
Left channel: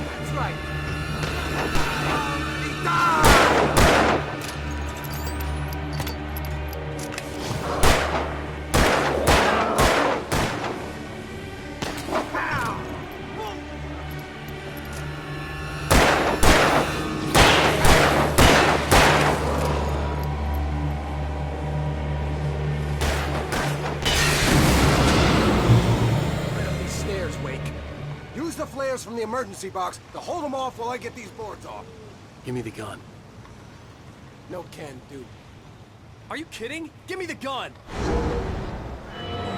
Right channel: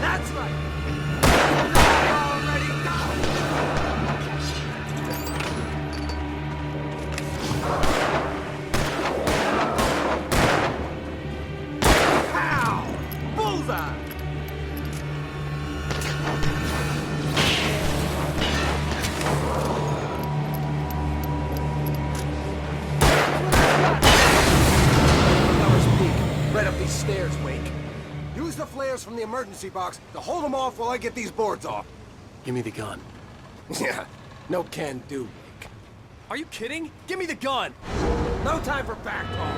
That's right! I already died! Pow! Bullseye! Right up these stairs, Wake. Use the flares from the emergency box to hold them off while I get these boards off. Give me the gun. Yeah, no can do, Wake. Are you kidding? Give me the gun! No time for back talk.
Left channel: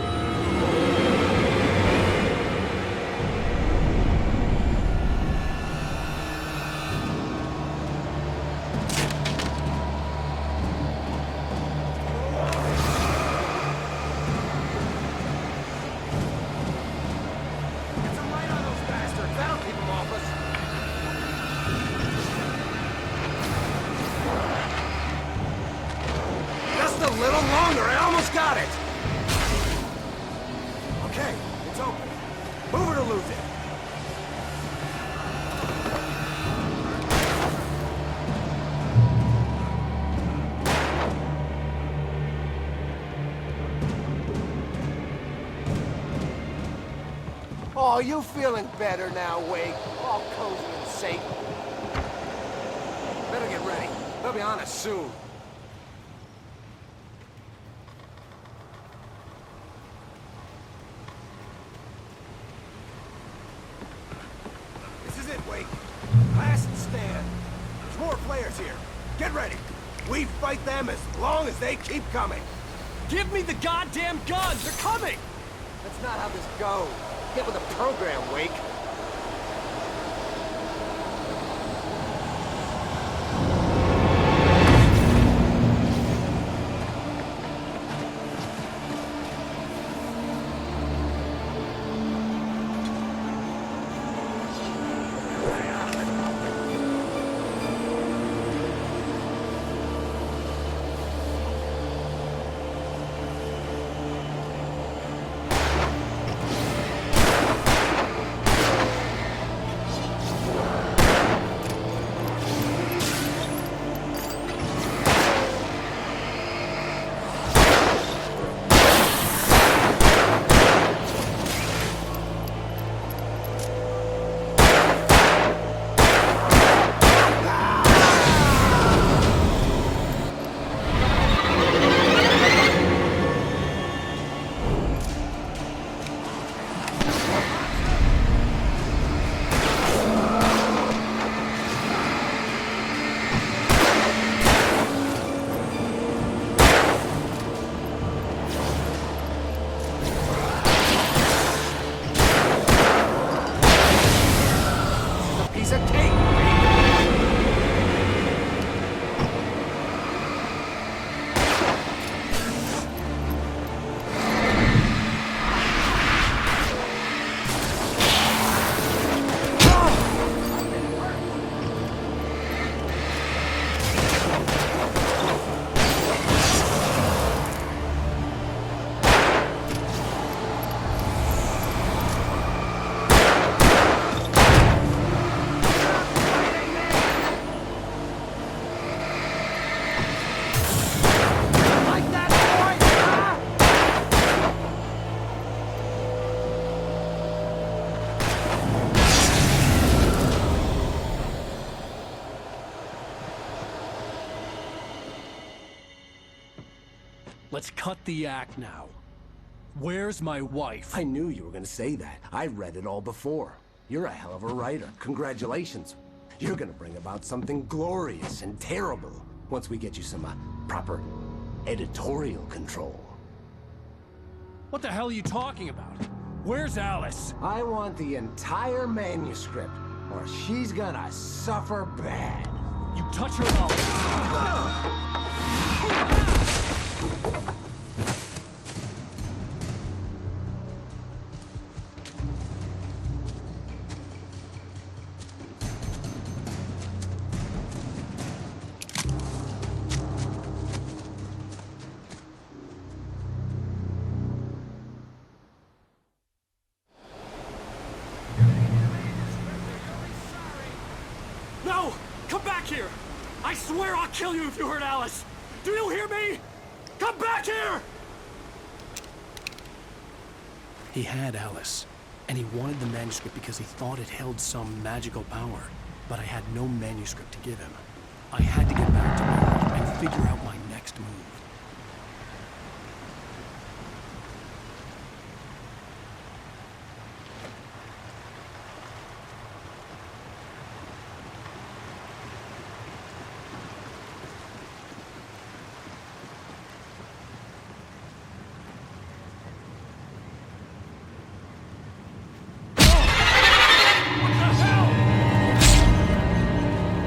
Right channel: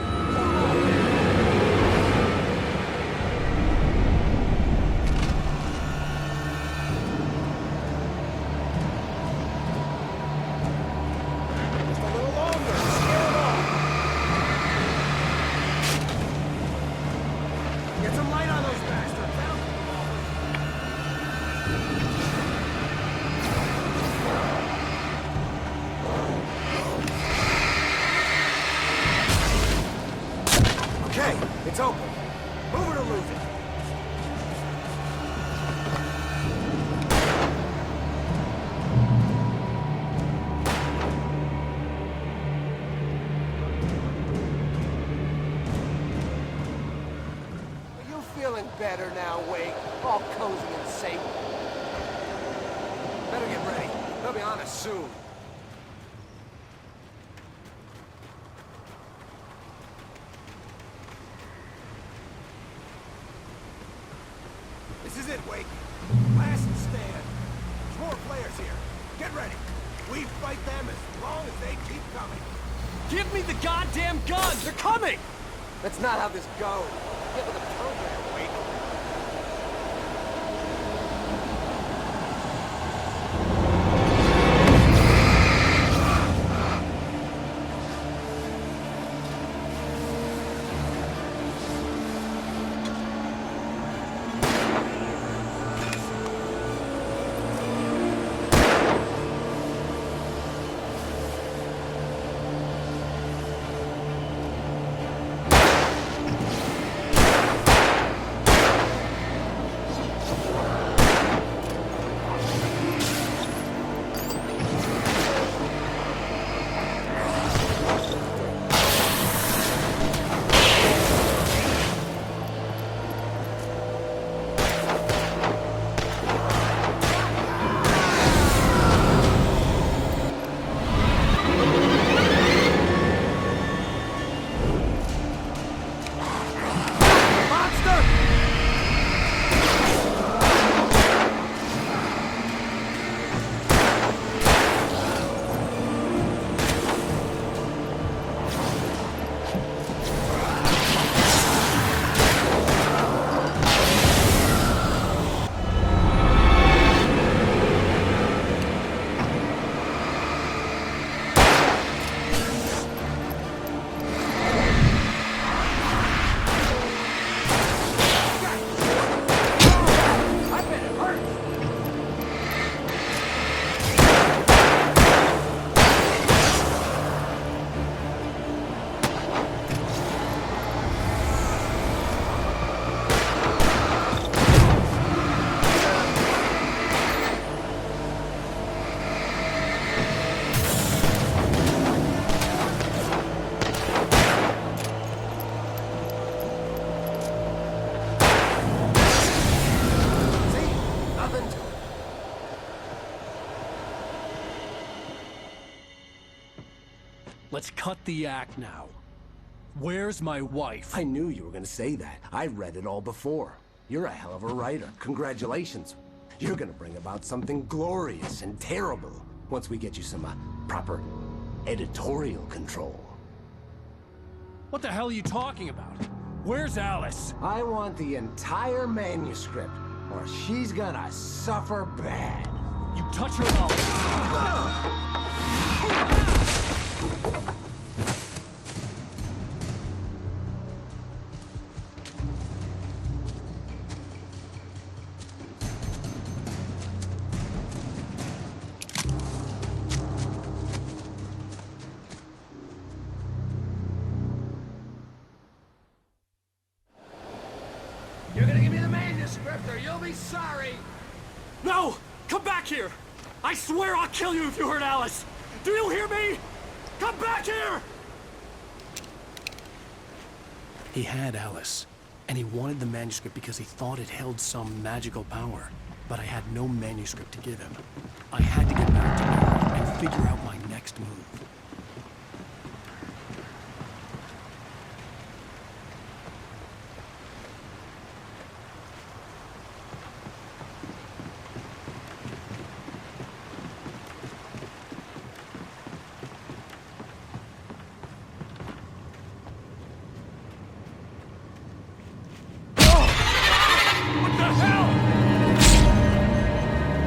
Just a little longer. Get some light on those bastards. That'll keep them off us. Just a little longer. I almost got it. Okay, it's open. Move it or lose it. Oh, you feeling better now, Wake? All cozy and safe. Better get ready. They'll be on us soon. This is it, Wake. Last stand. There's more players here. Get ready. We fight them as long as they keep coming. Give me the goddamn gun! They're coming! That's not how this goes. Get with the program, Wake. Let's cut the act now. Where's my wife? I knew you were gonna say that. I read it all before. You're a hell of a writer. Congratulations. You're gonna bring about something glorious and terrible once we get you some proper editorial control. What the hell are you talking about? Where's Alice? I want the entire manuscript, or she's gonna suffer bad. You touch her mouth. You're gonna give me the manuscript or you'll be sorry. No! Come back here! I swear I'll kill you if you hurt Alice! Do you hear me? Come back here! He had Alice, and he wanted the manuscript because he thought it held some magical power. But I had no manuscript to give him. I had to get back to Mary and figure out my next move.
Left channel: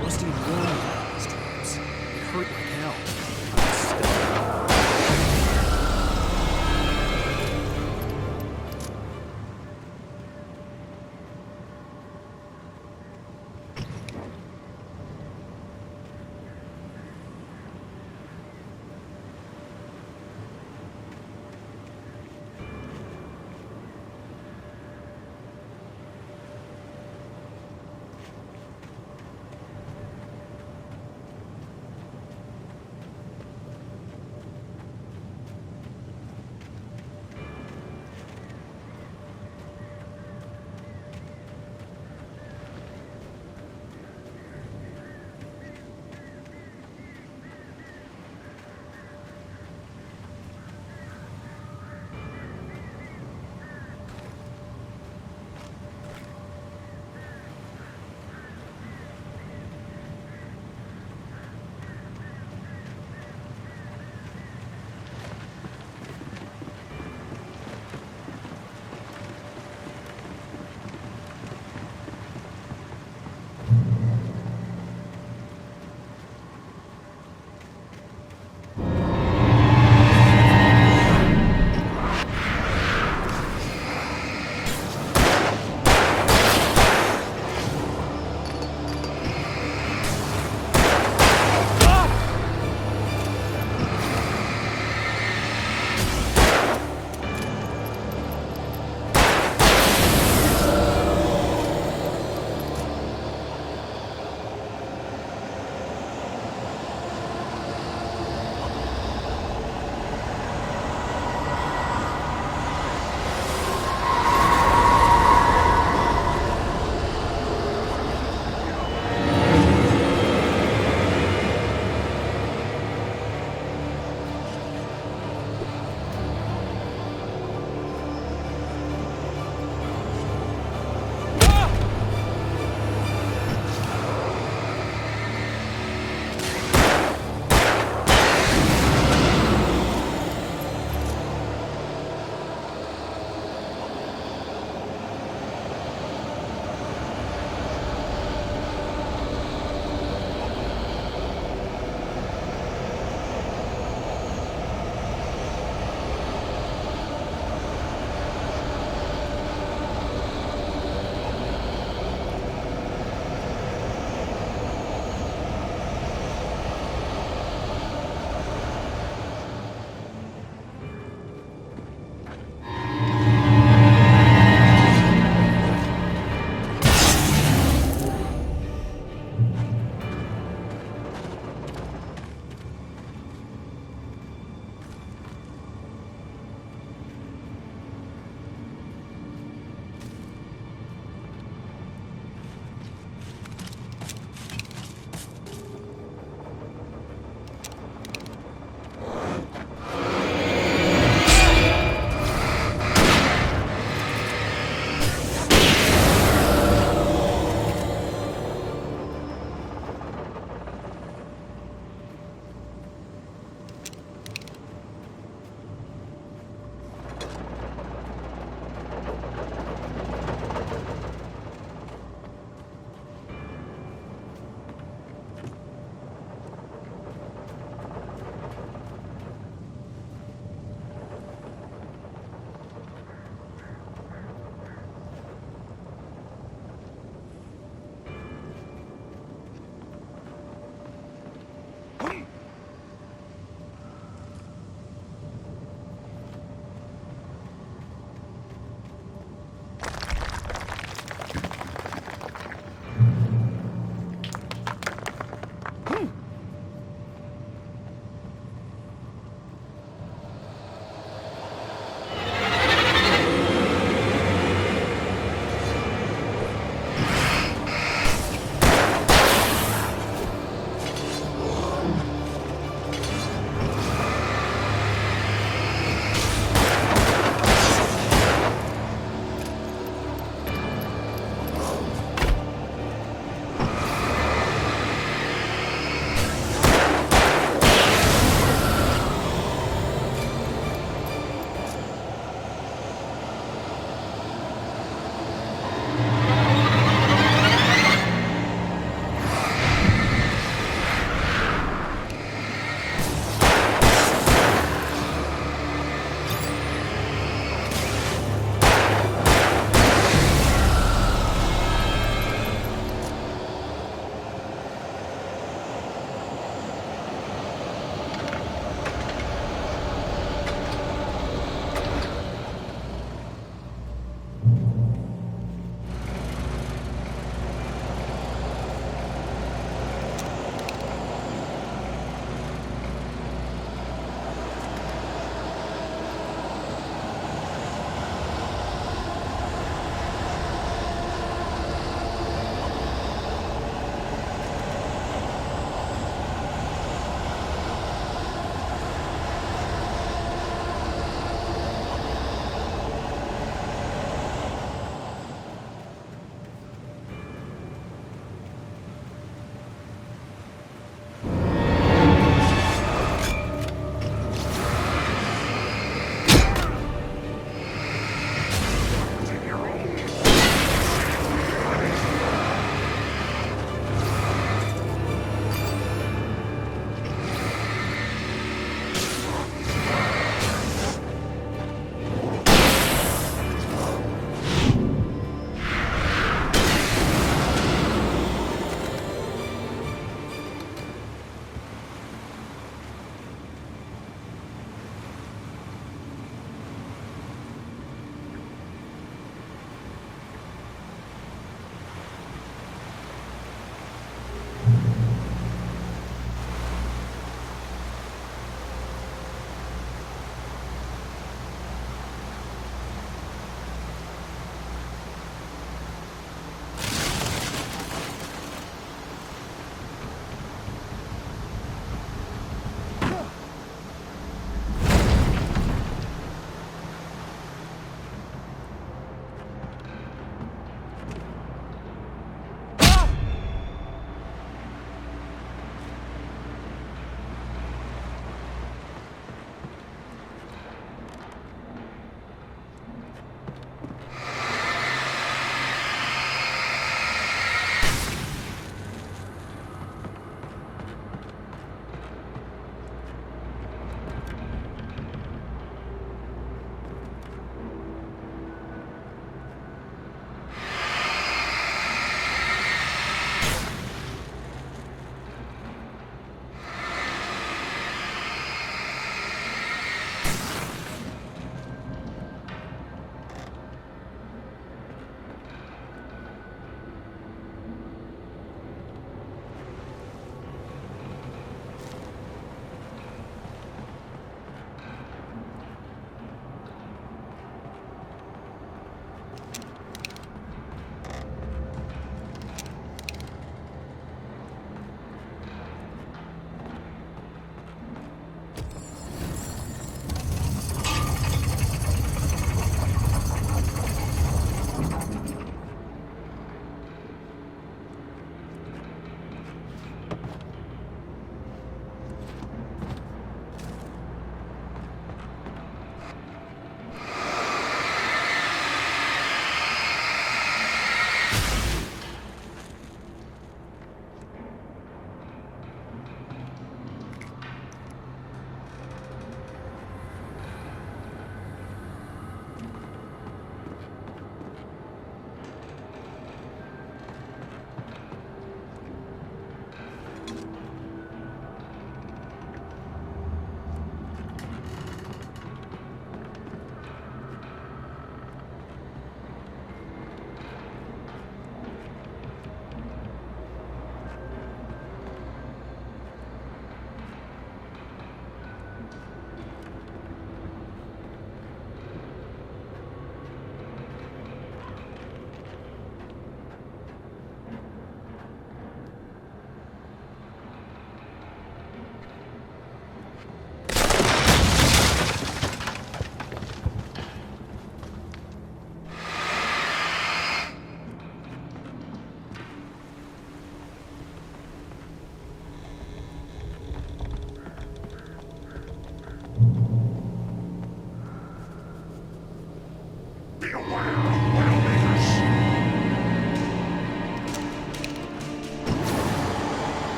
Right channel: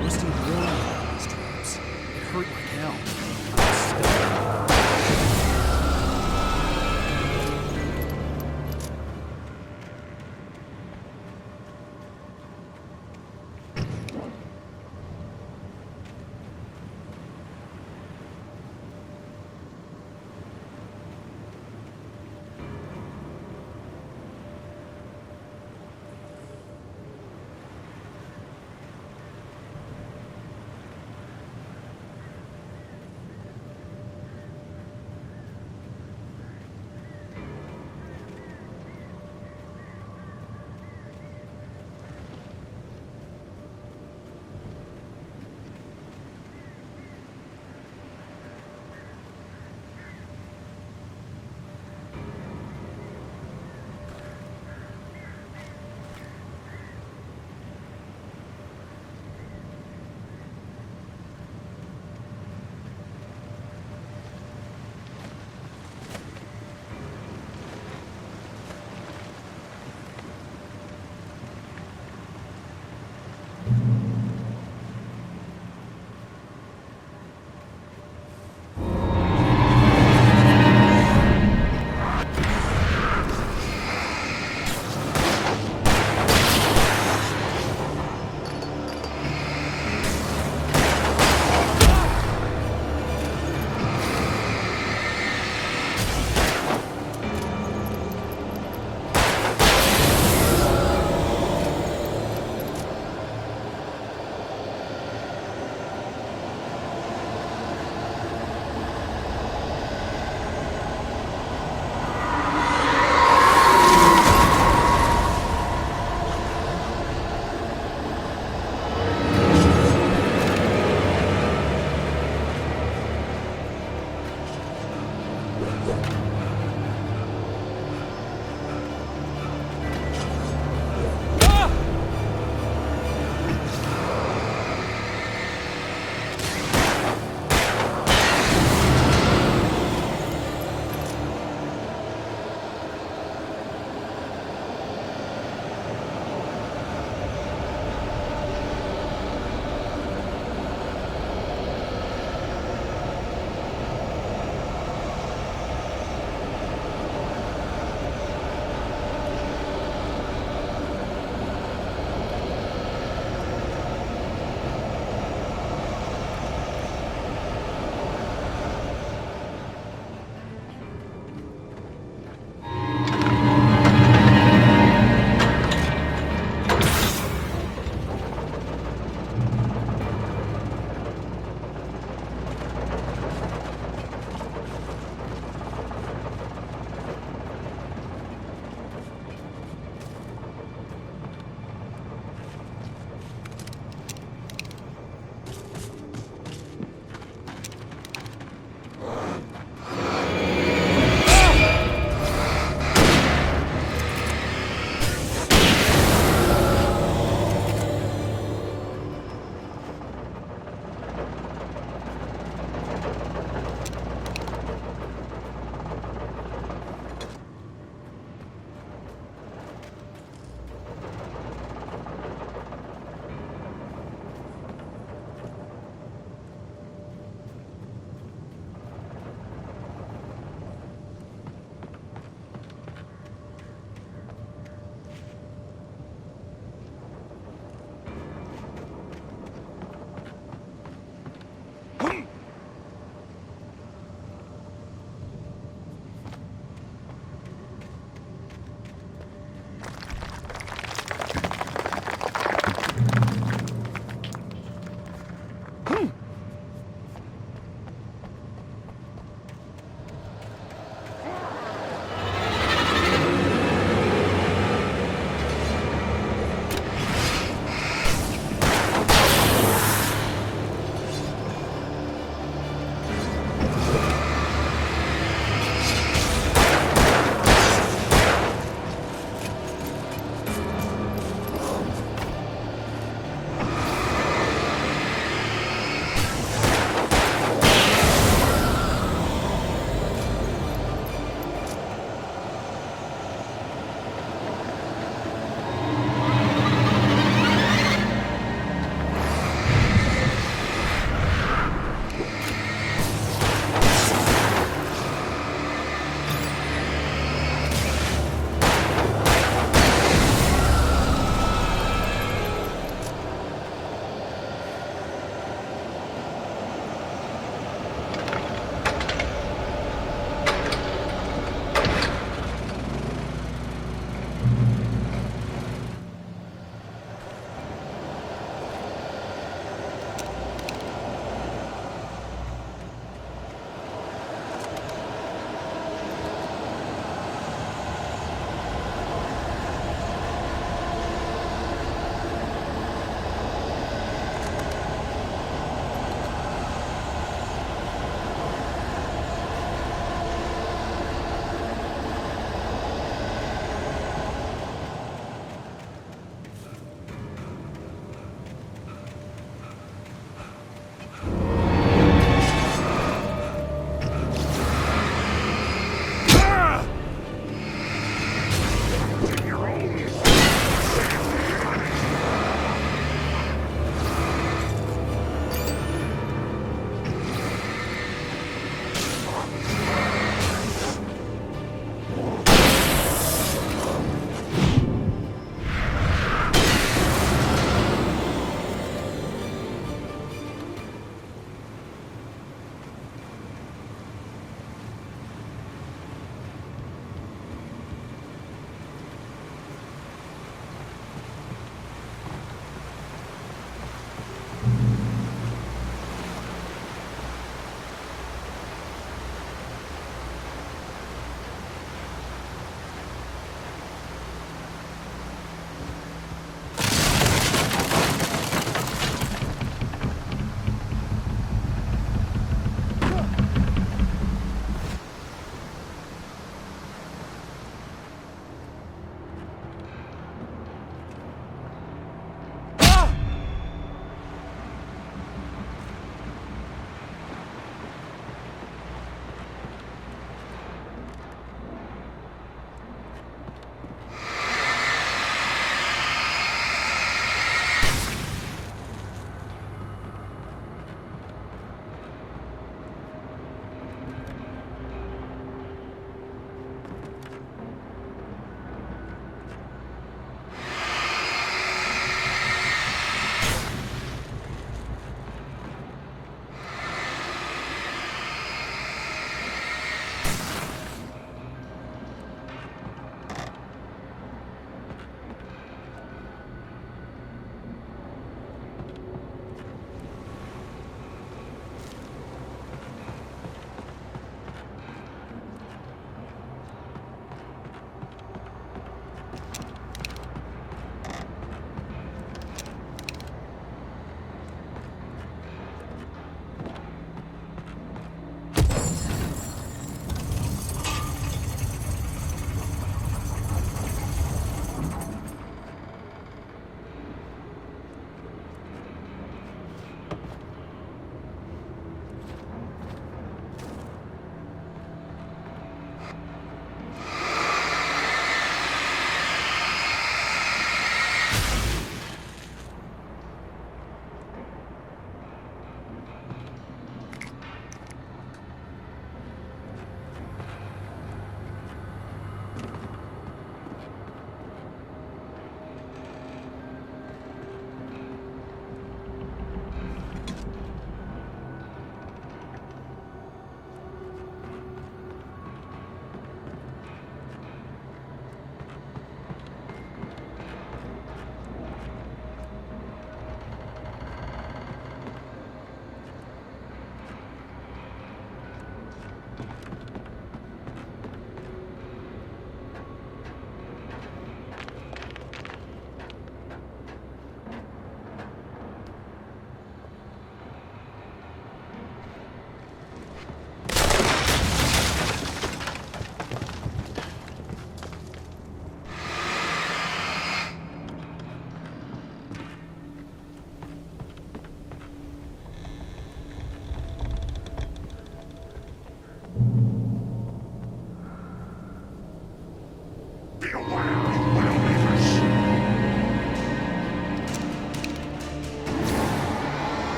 Rusty warned me about these traps. It hurt like hell. I was stuck.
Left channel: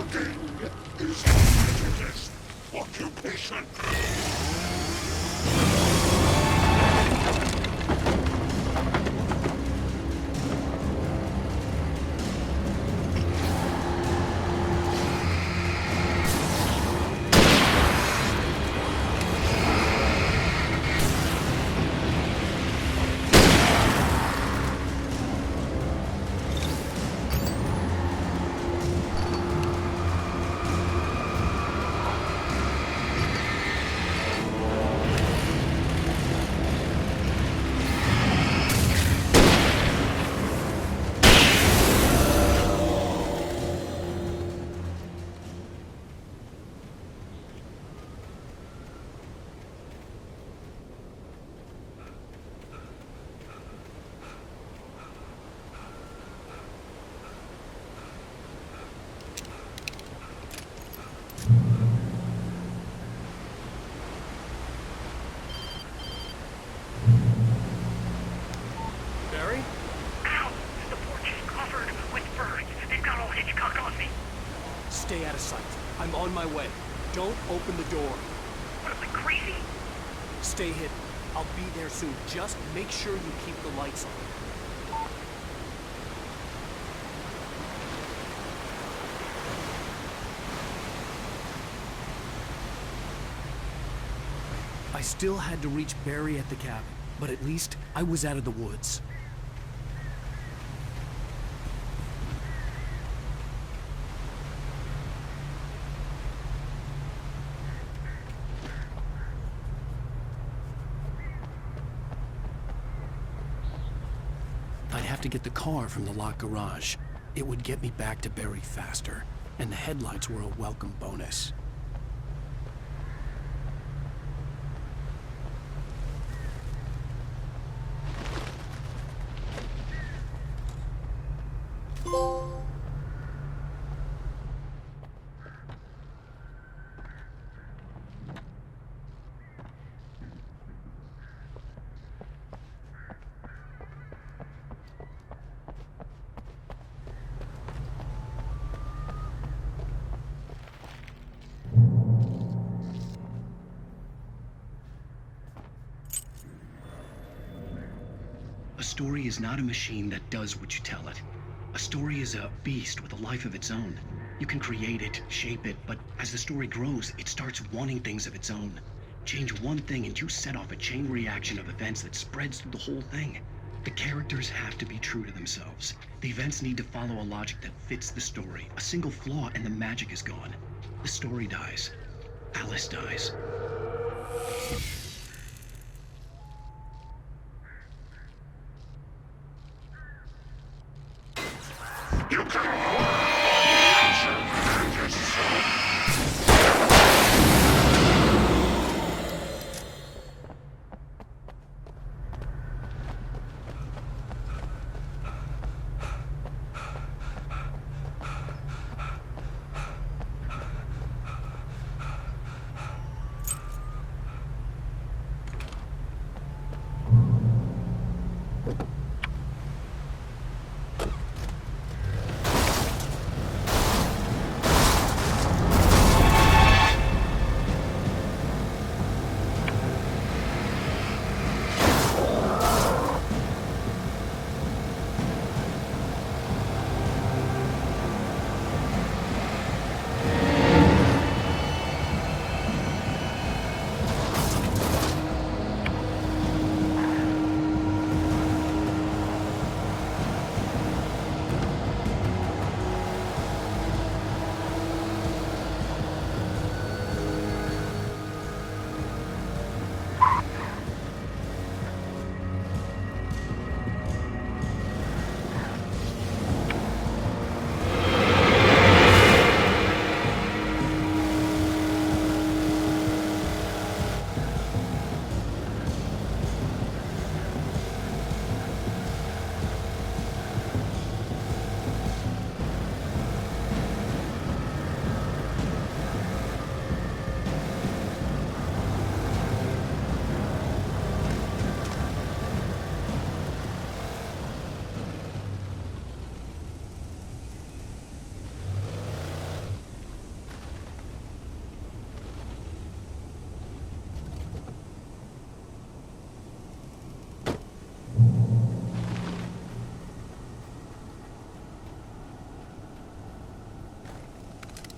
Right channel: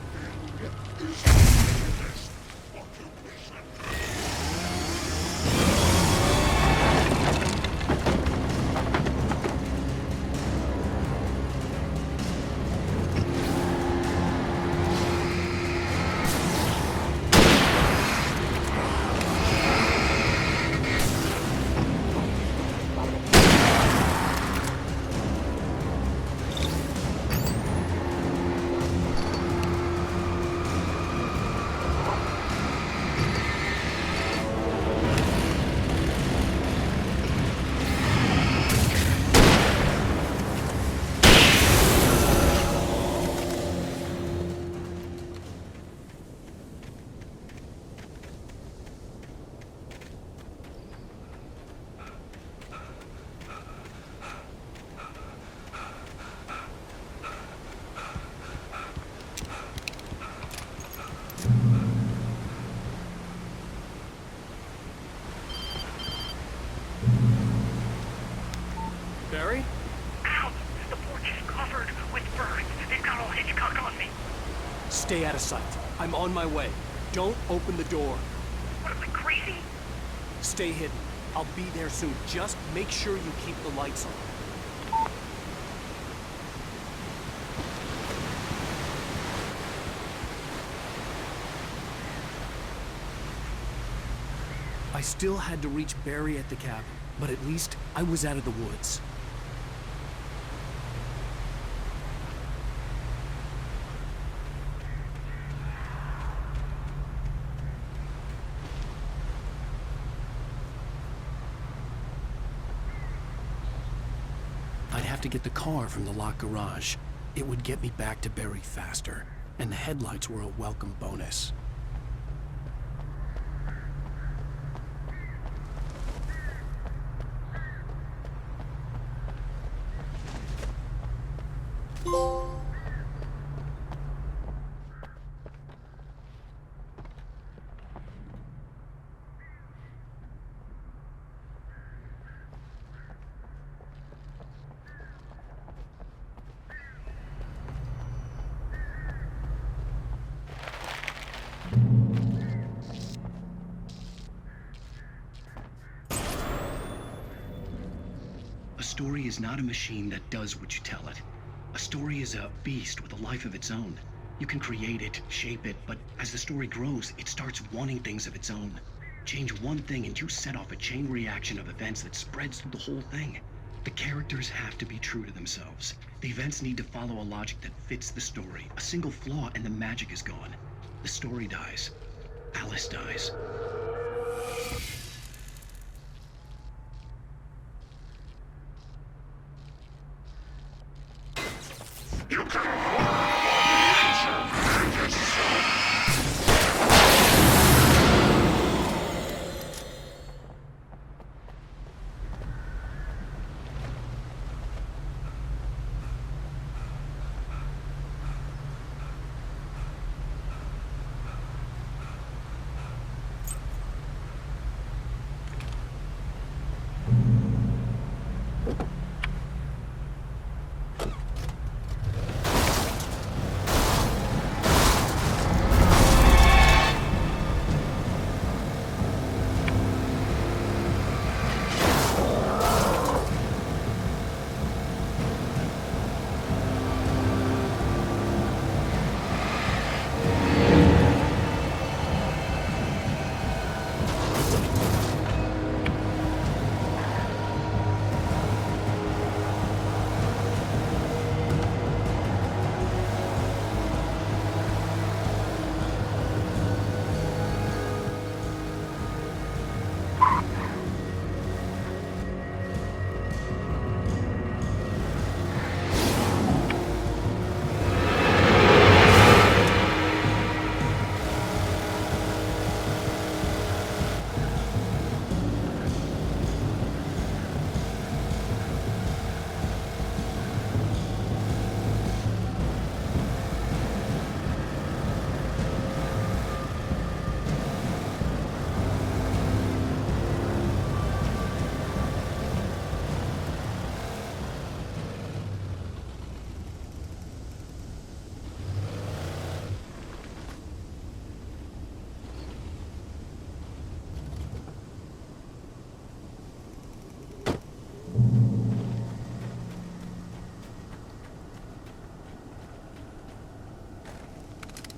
Mugging is the latest occupation. Barry? Ow! The porch is covered with birds. They've got all Hitchcock on me. Stay out of sight. I'm on my way. Don't open the door. What am I, crazy? Stay hidden. I'll be there soon. Just make sure you keep the lights on. I still had to reach Barry at the cabin, but at least I was out of the woods. I'd have to get the car from the locked garage. It would get me back to Barry faster, and the headlights were a welcome bonus. A story is not a machine that does what you tell it. A story is a beast with a life of its own. You can create it, shape it, but as the story grows, it starts wanting things of its own. Change one thing and you set off a chain reaction of events that spreads through the whole thing. The characters have to be true to themselves. The events need to follow a logic that fits the story. A single flaw and the magic is gone. The story dies. Alice dies. You can hold on yourself.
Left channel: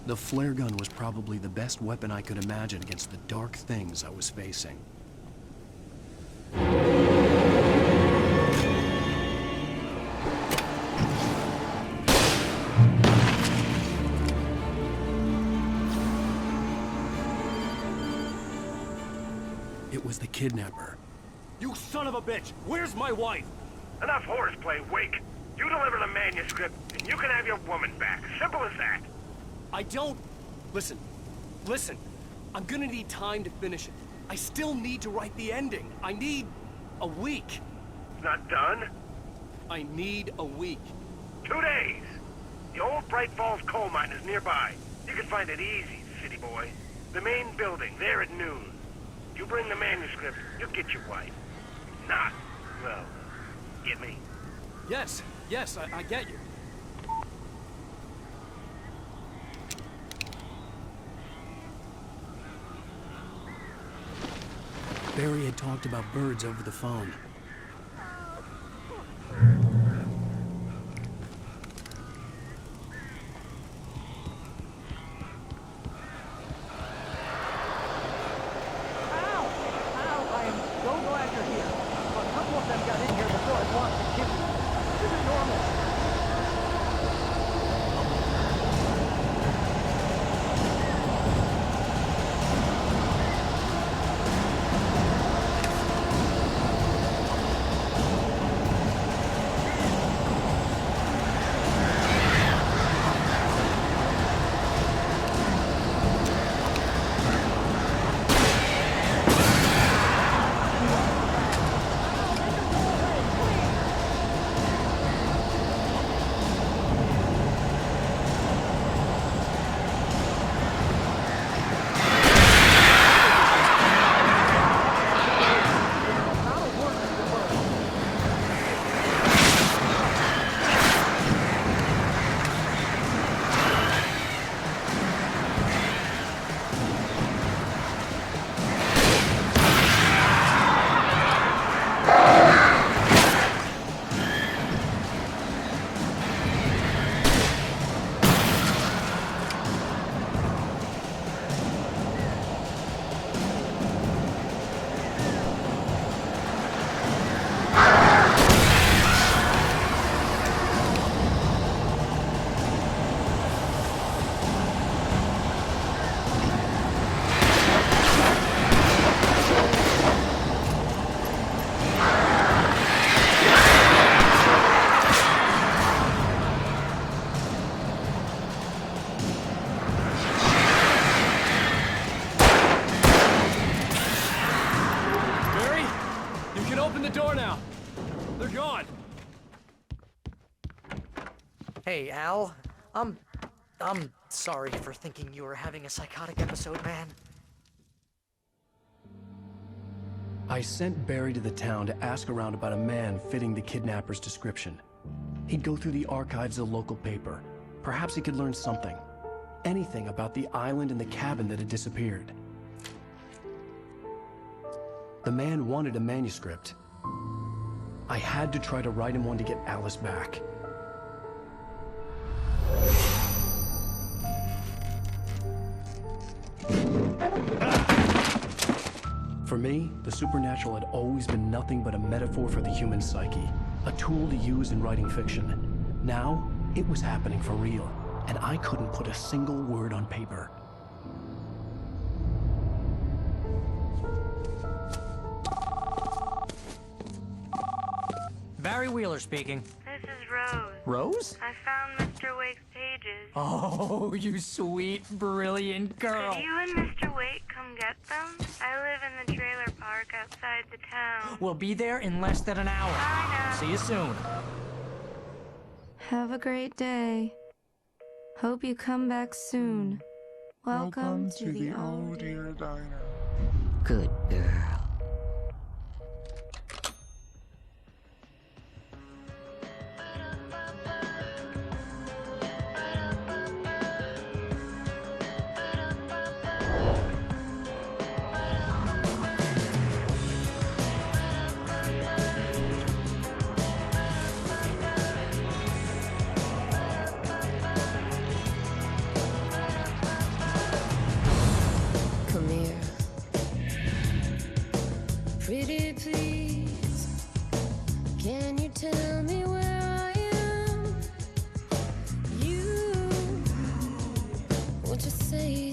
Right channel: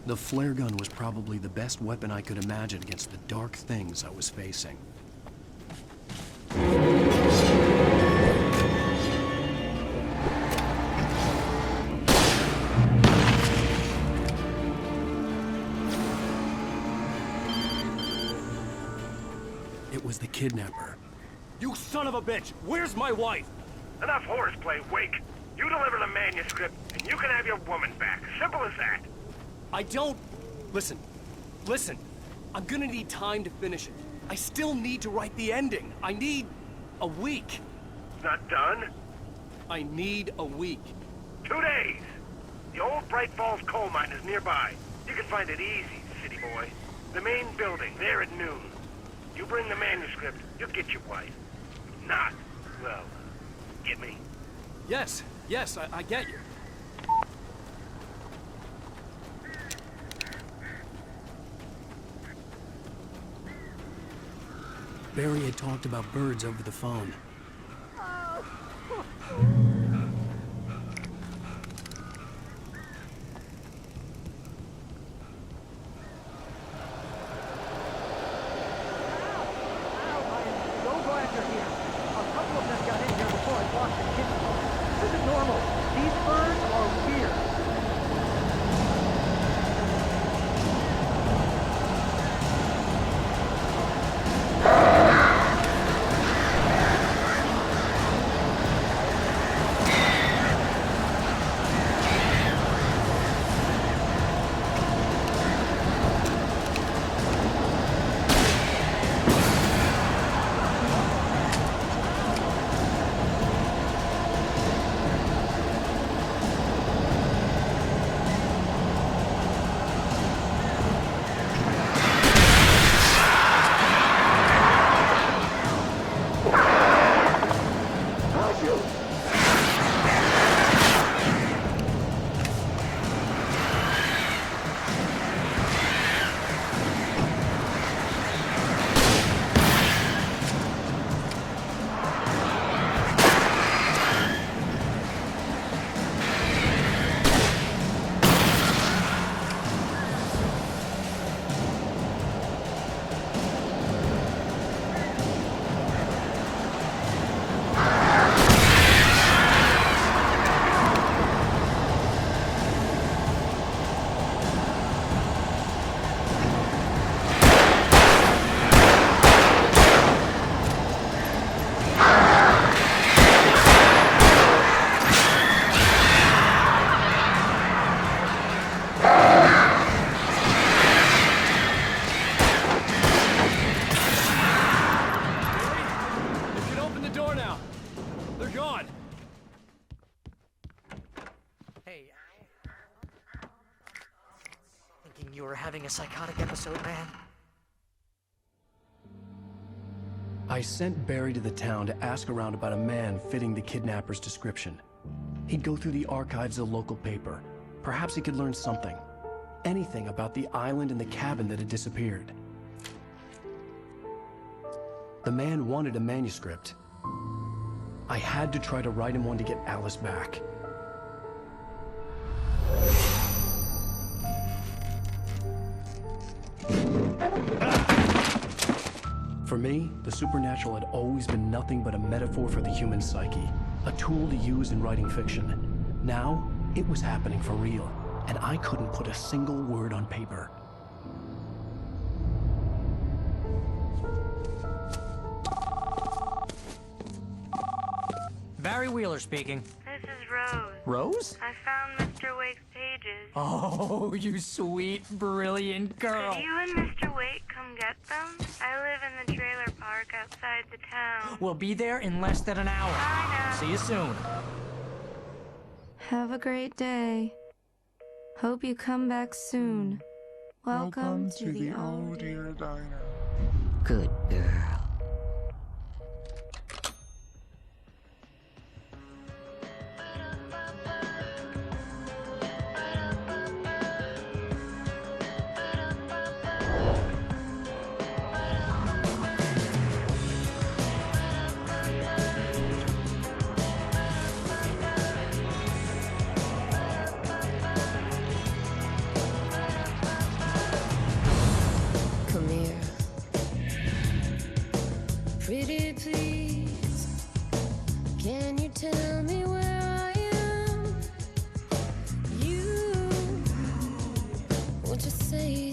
The flare gun was probably the best weapon I could imagine against the dark things I was facing. It was the kidnapper. You son of a bitch! Where's my wife? Enough horseplay, Wake. You deliver the manuscript, and you can have your woman back. Simple as that. I don't... Listen. I'm gonna need time to finish it. I still need to write the ending. I need a week. It's not done? I need a week. 2 days. The old Bright Falls coal mine is nearby. You can find it easy, city boy. The main building, there at noon. You bring the manuscript, you'll get your wife. If not, well, get me? Yes, I get you. Barry had talked about birds over the phone. I am so glad you're here. A couple of them got in here before I blocked the chimney. This isn't normal. These birds are weird. Hey, Al. I'm sorry for thinking you were having a psychotic episode, man. I sent Barry to the town to ask around about a man fitting the kidnapper's description. He'd go through the archives of the local paper. Perhaps he could learn something. Anything about the island and the cabin that had disappeared. The man wanted a manuscript. I had to try to write him one to get Alice back. For me, the supernatural had always been nothing but a metaphor for the human psyche, a tool to use in writing fiction. Now, it was happening for real, and I couldn't put a single word on paper. Barry Wheeler speaking. This is Rose. Rose? I found Mr. Wake's pages. Oh, you sweet, brilliant girl. Could you and Mr. Wake come get them? I live in the trailer park outside the town. We'll be there in less than an hour. Bye now. See you soon. Have a great day. Hope you come back soon. Welcome to the old dear diner. Good girl. Baby, please, can you tell me where I am? You, won't you say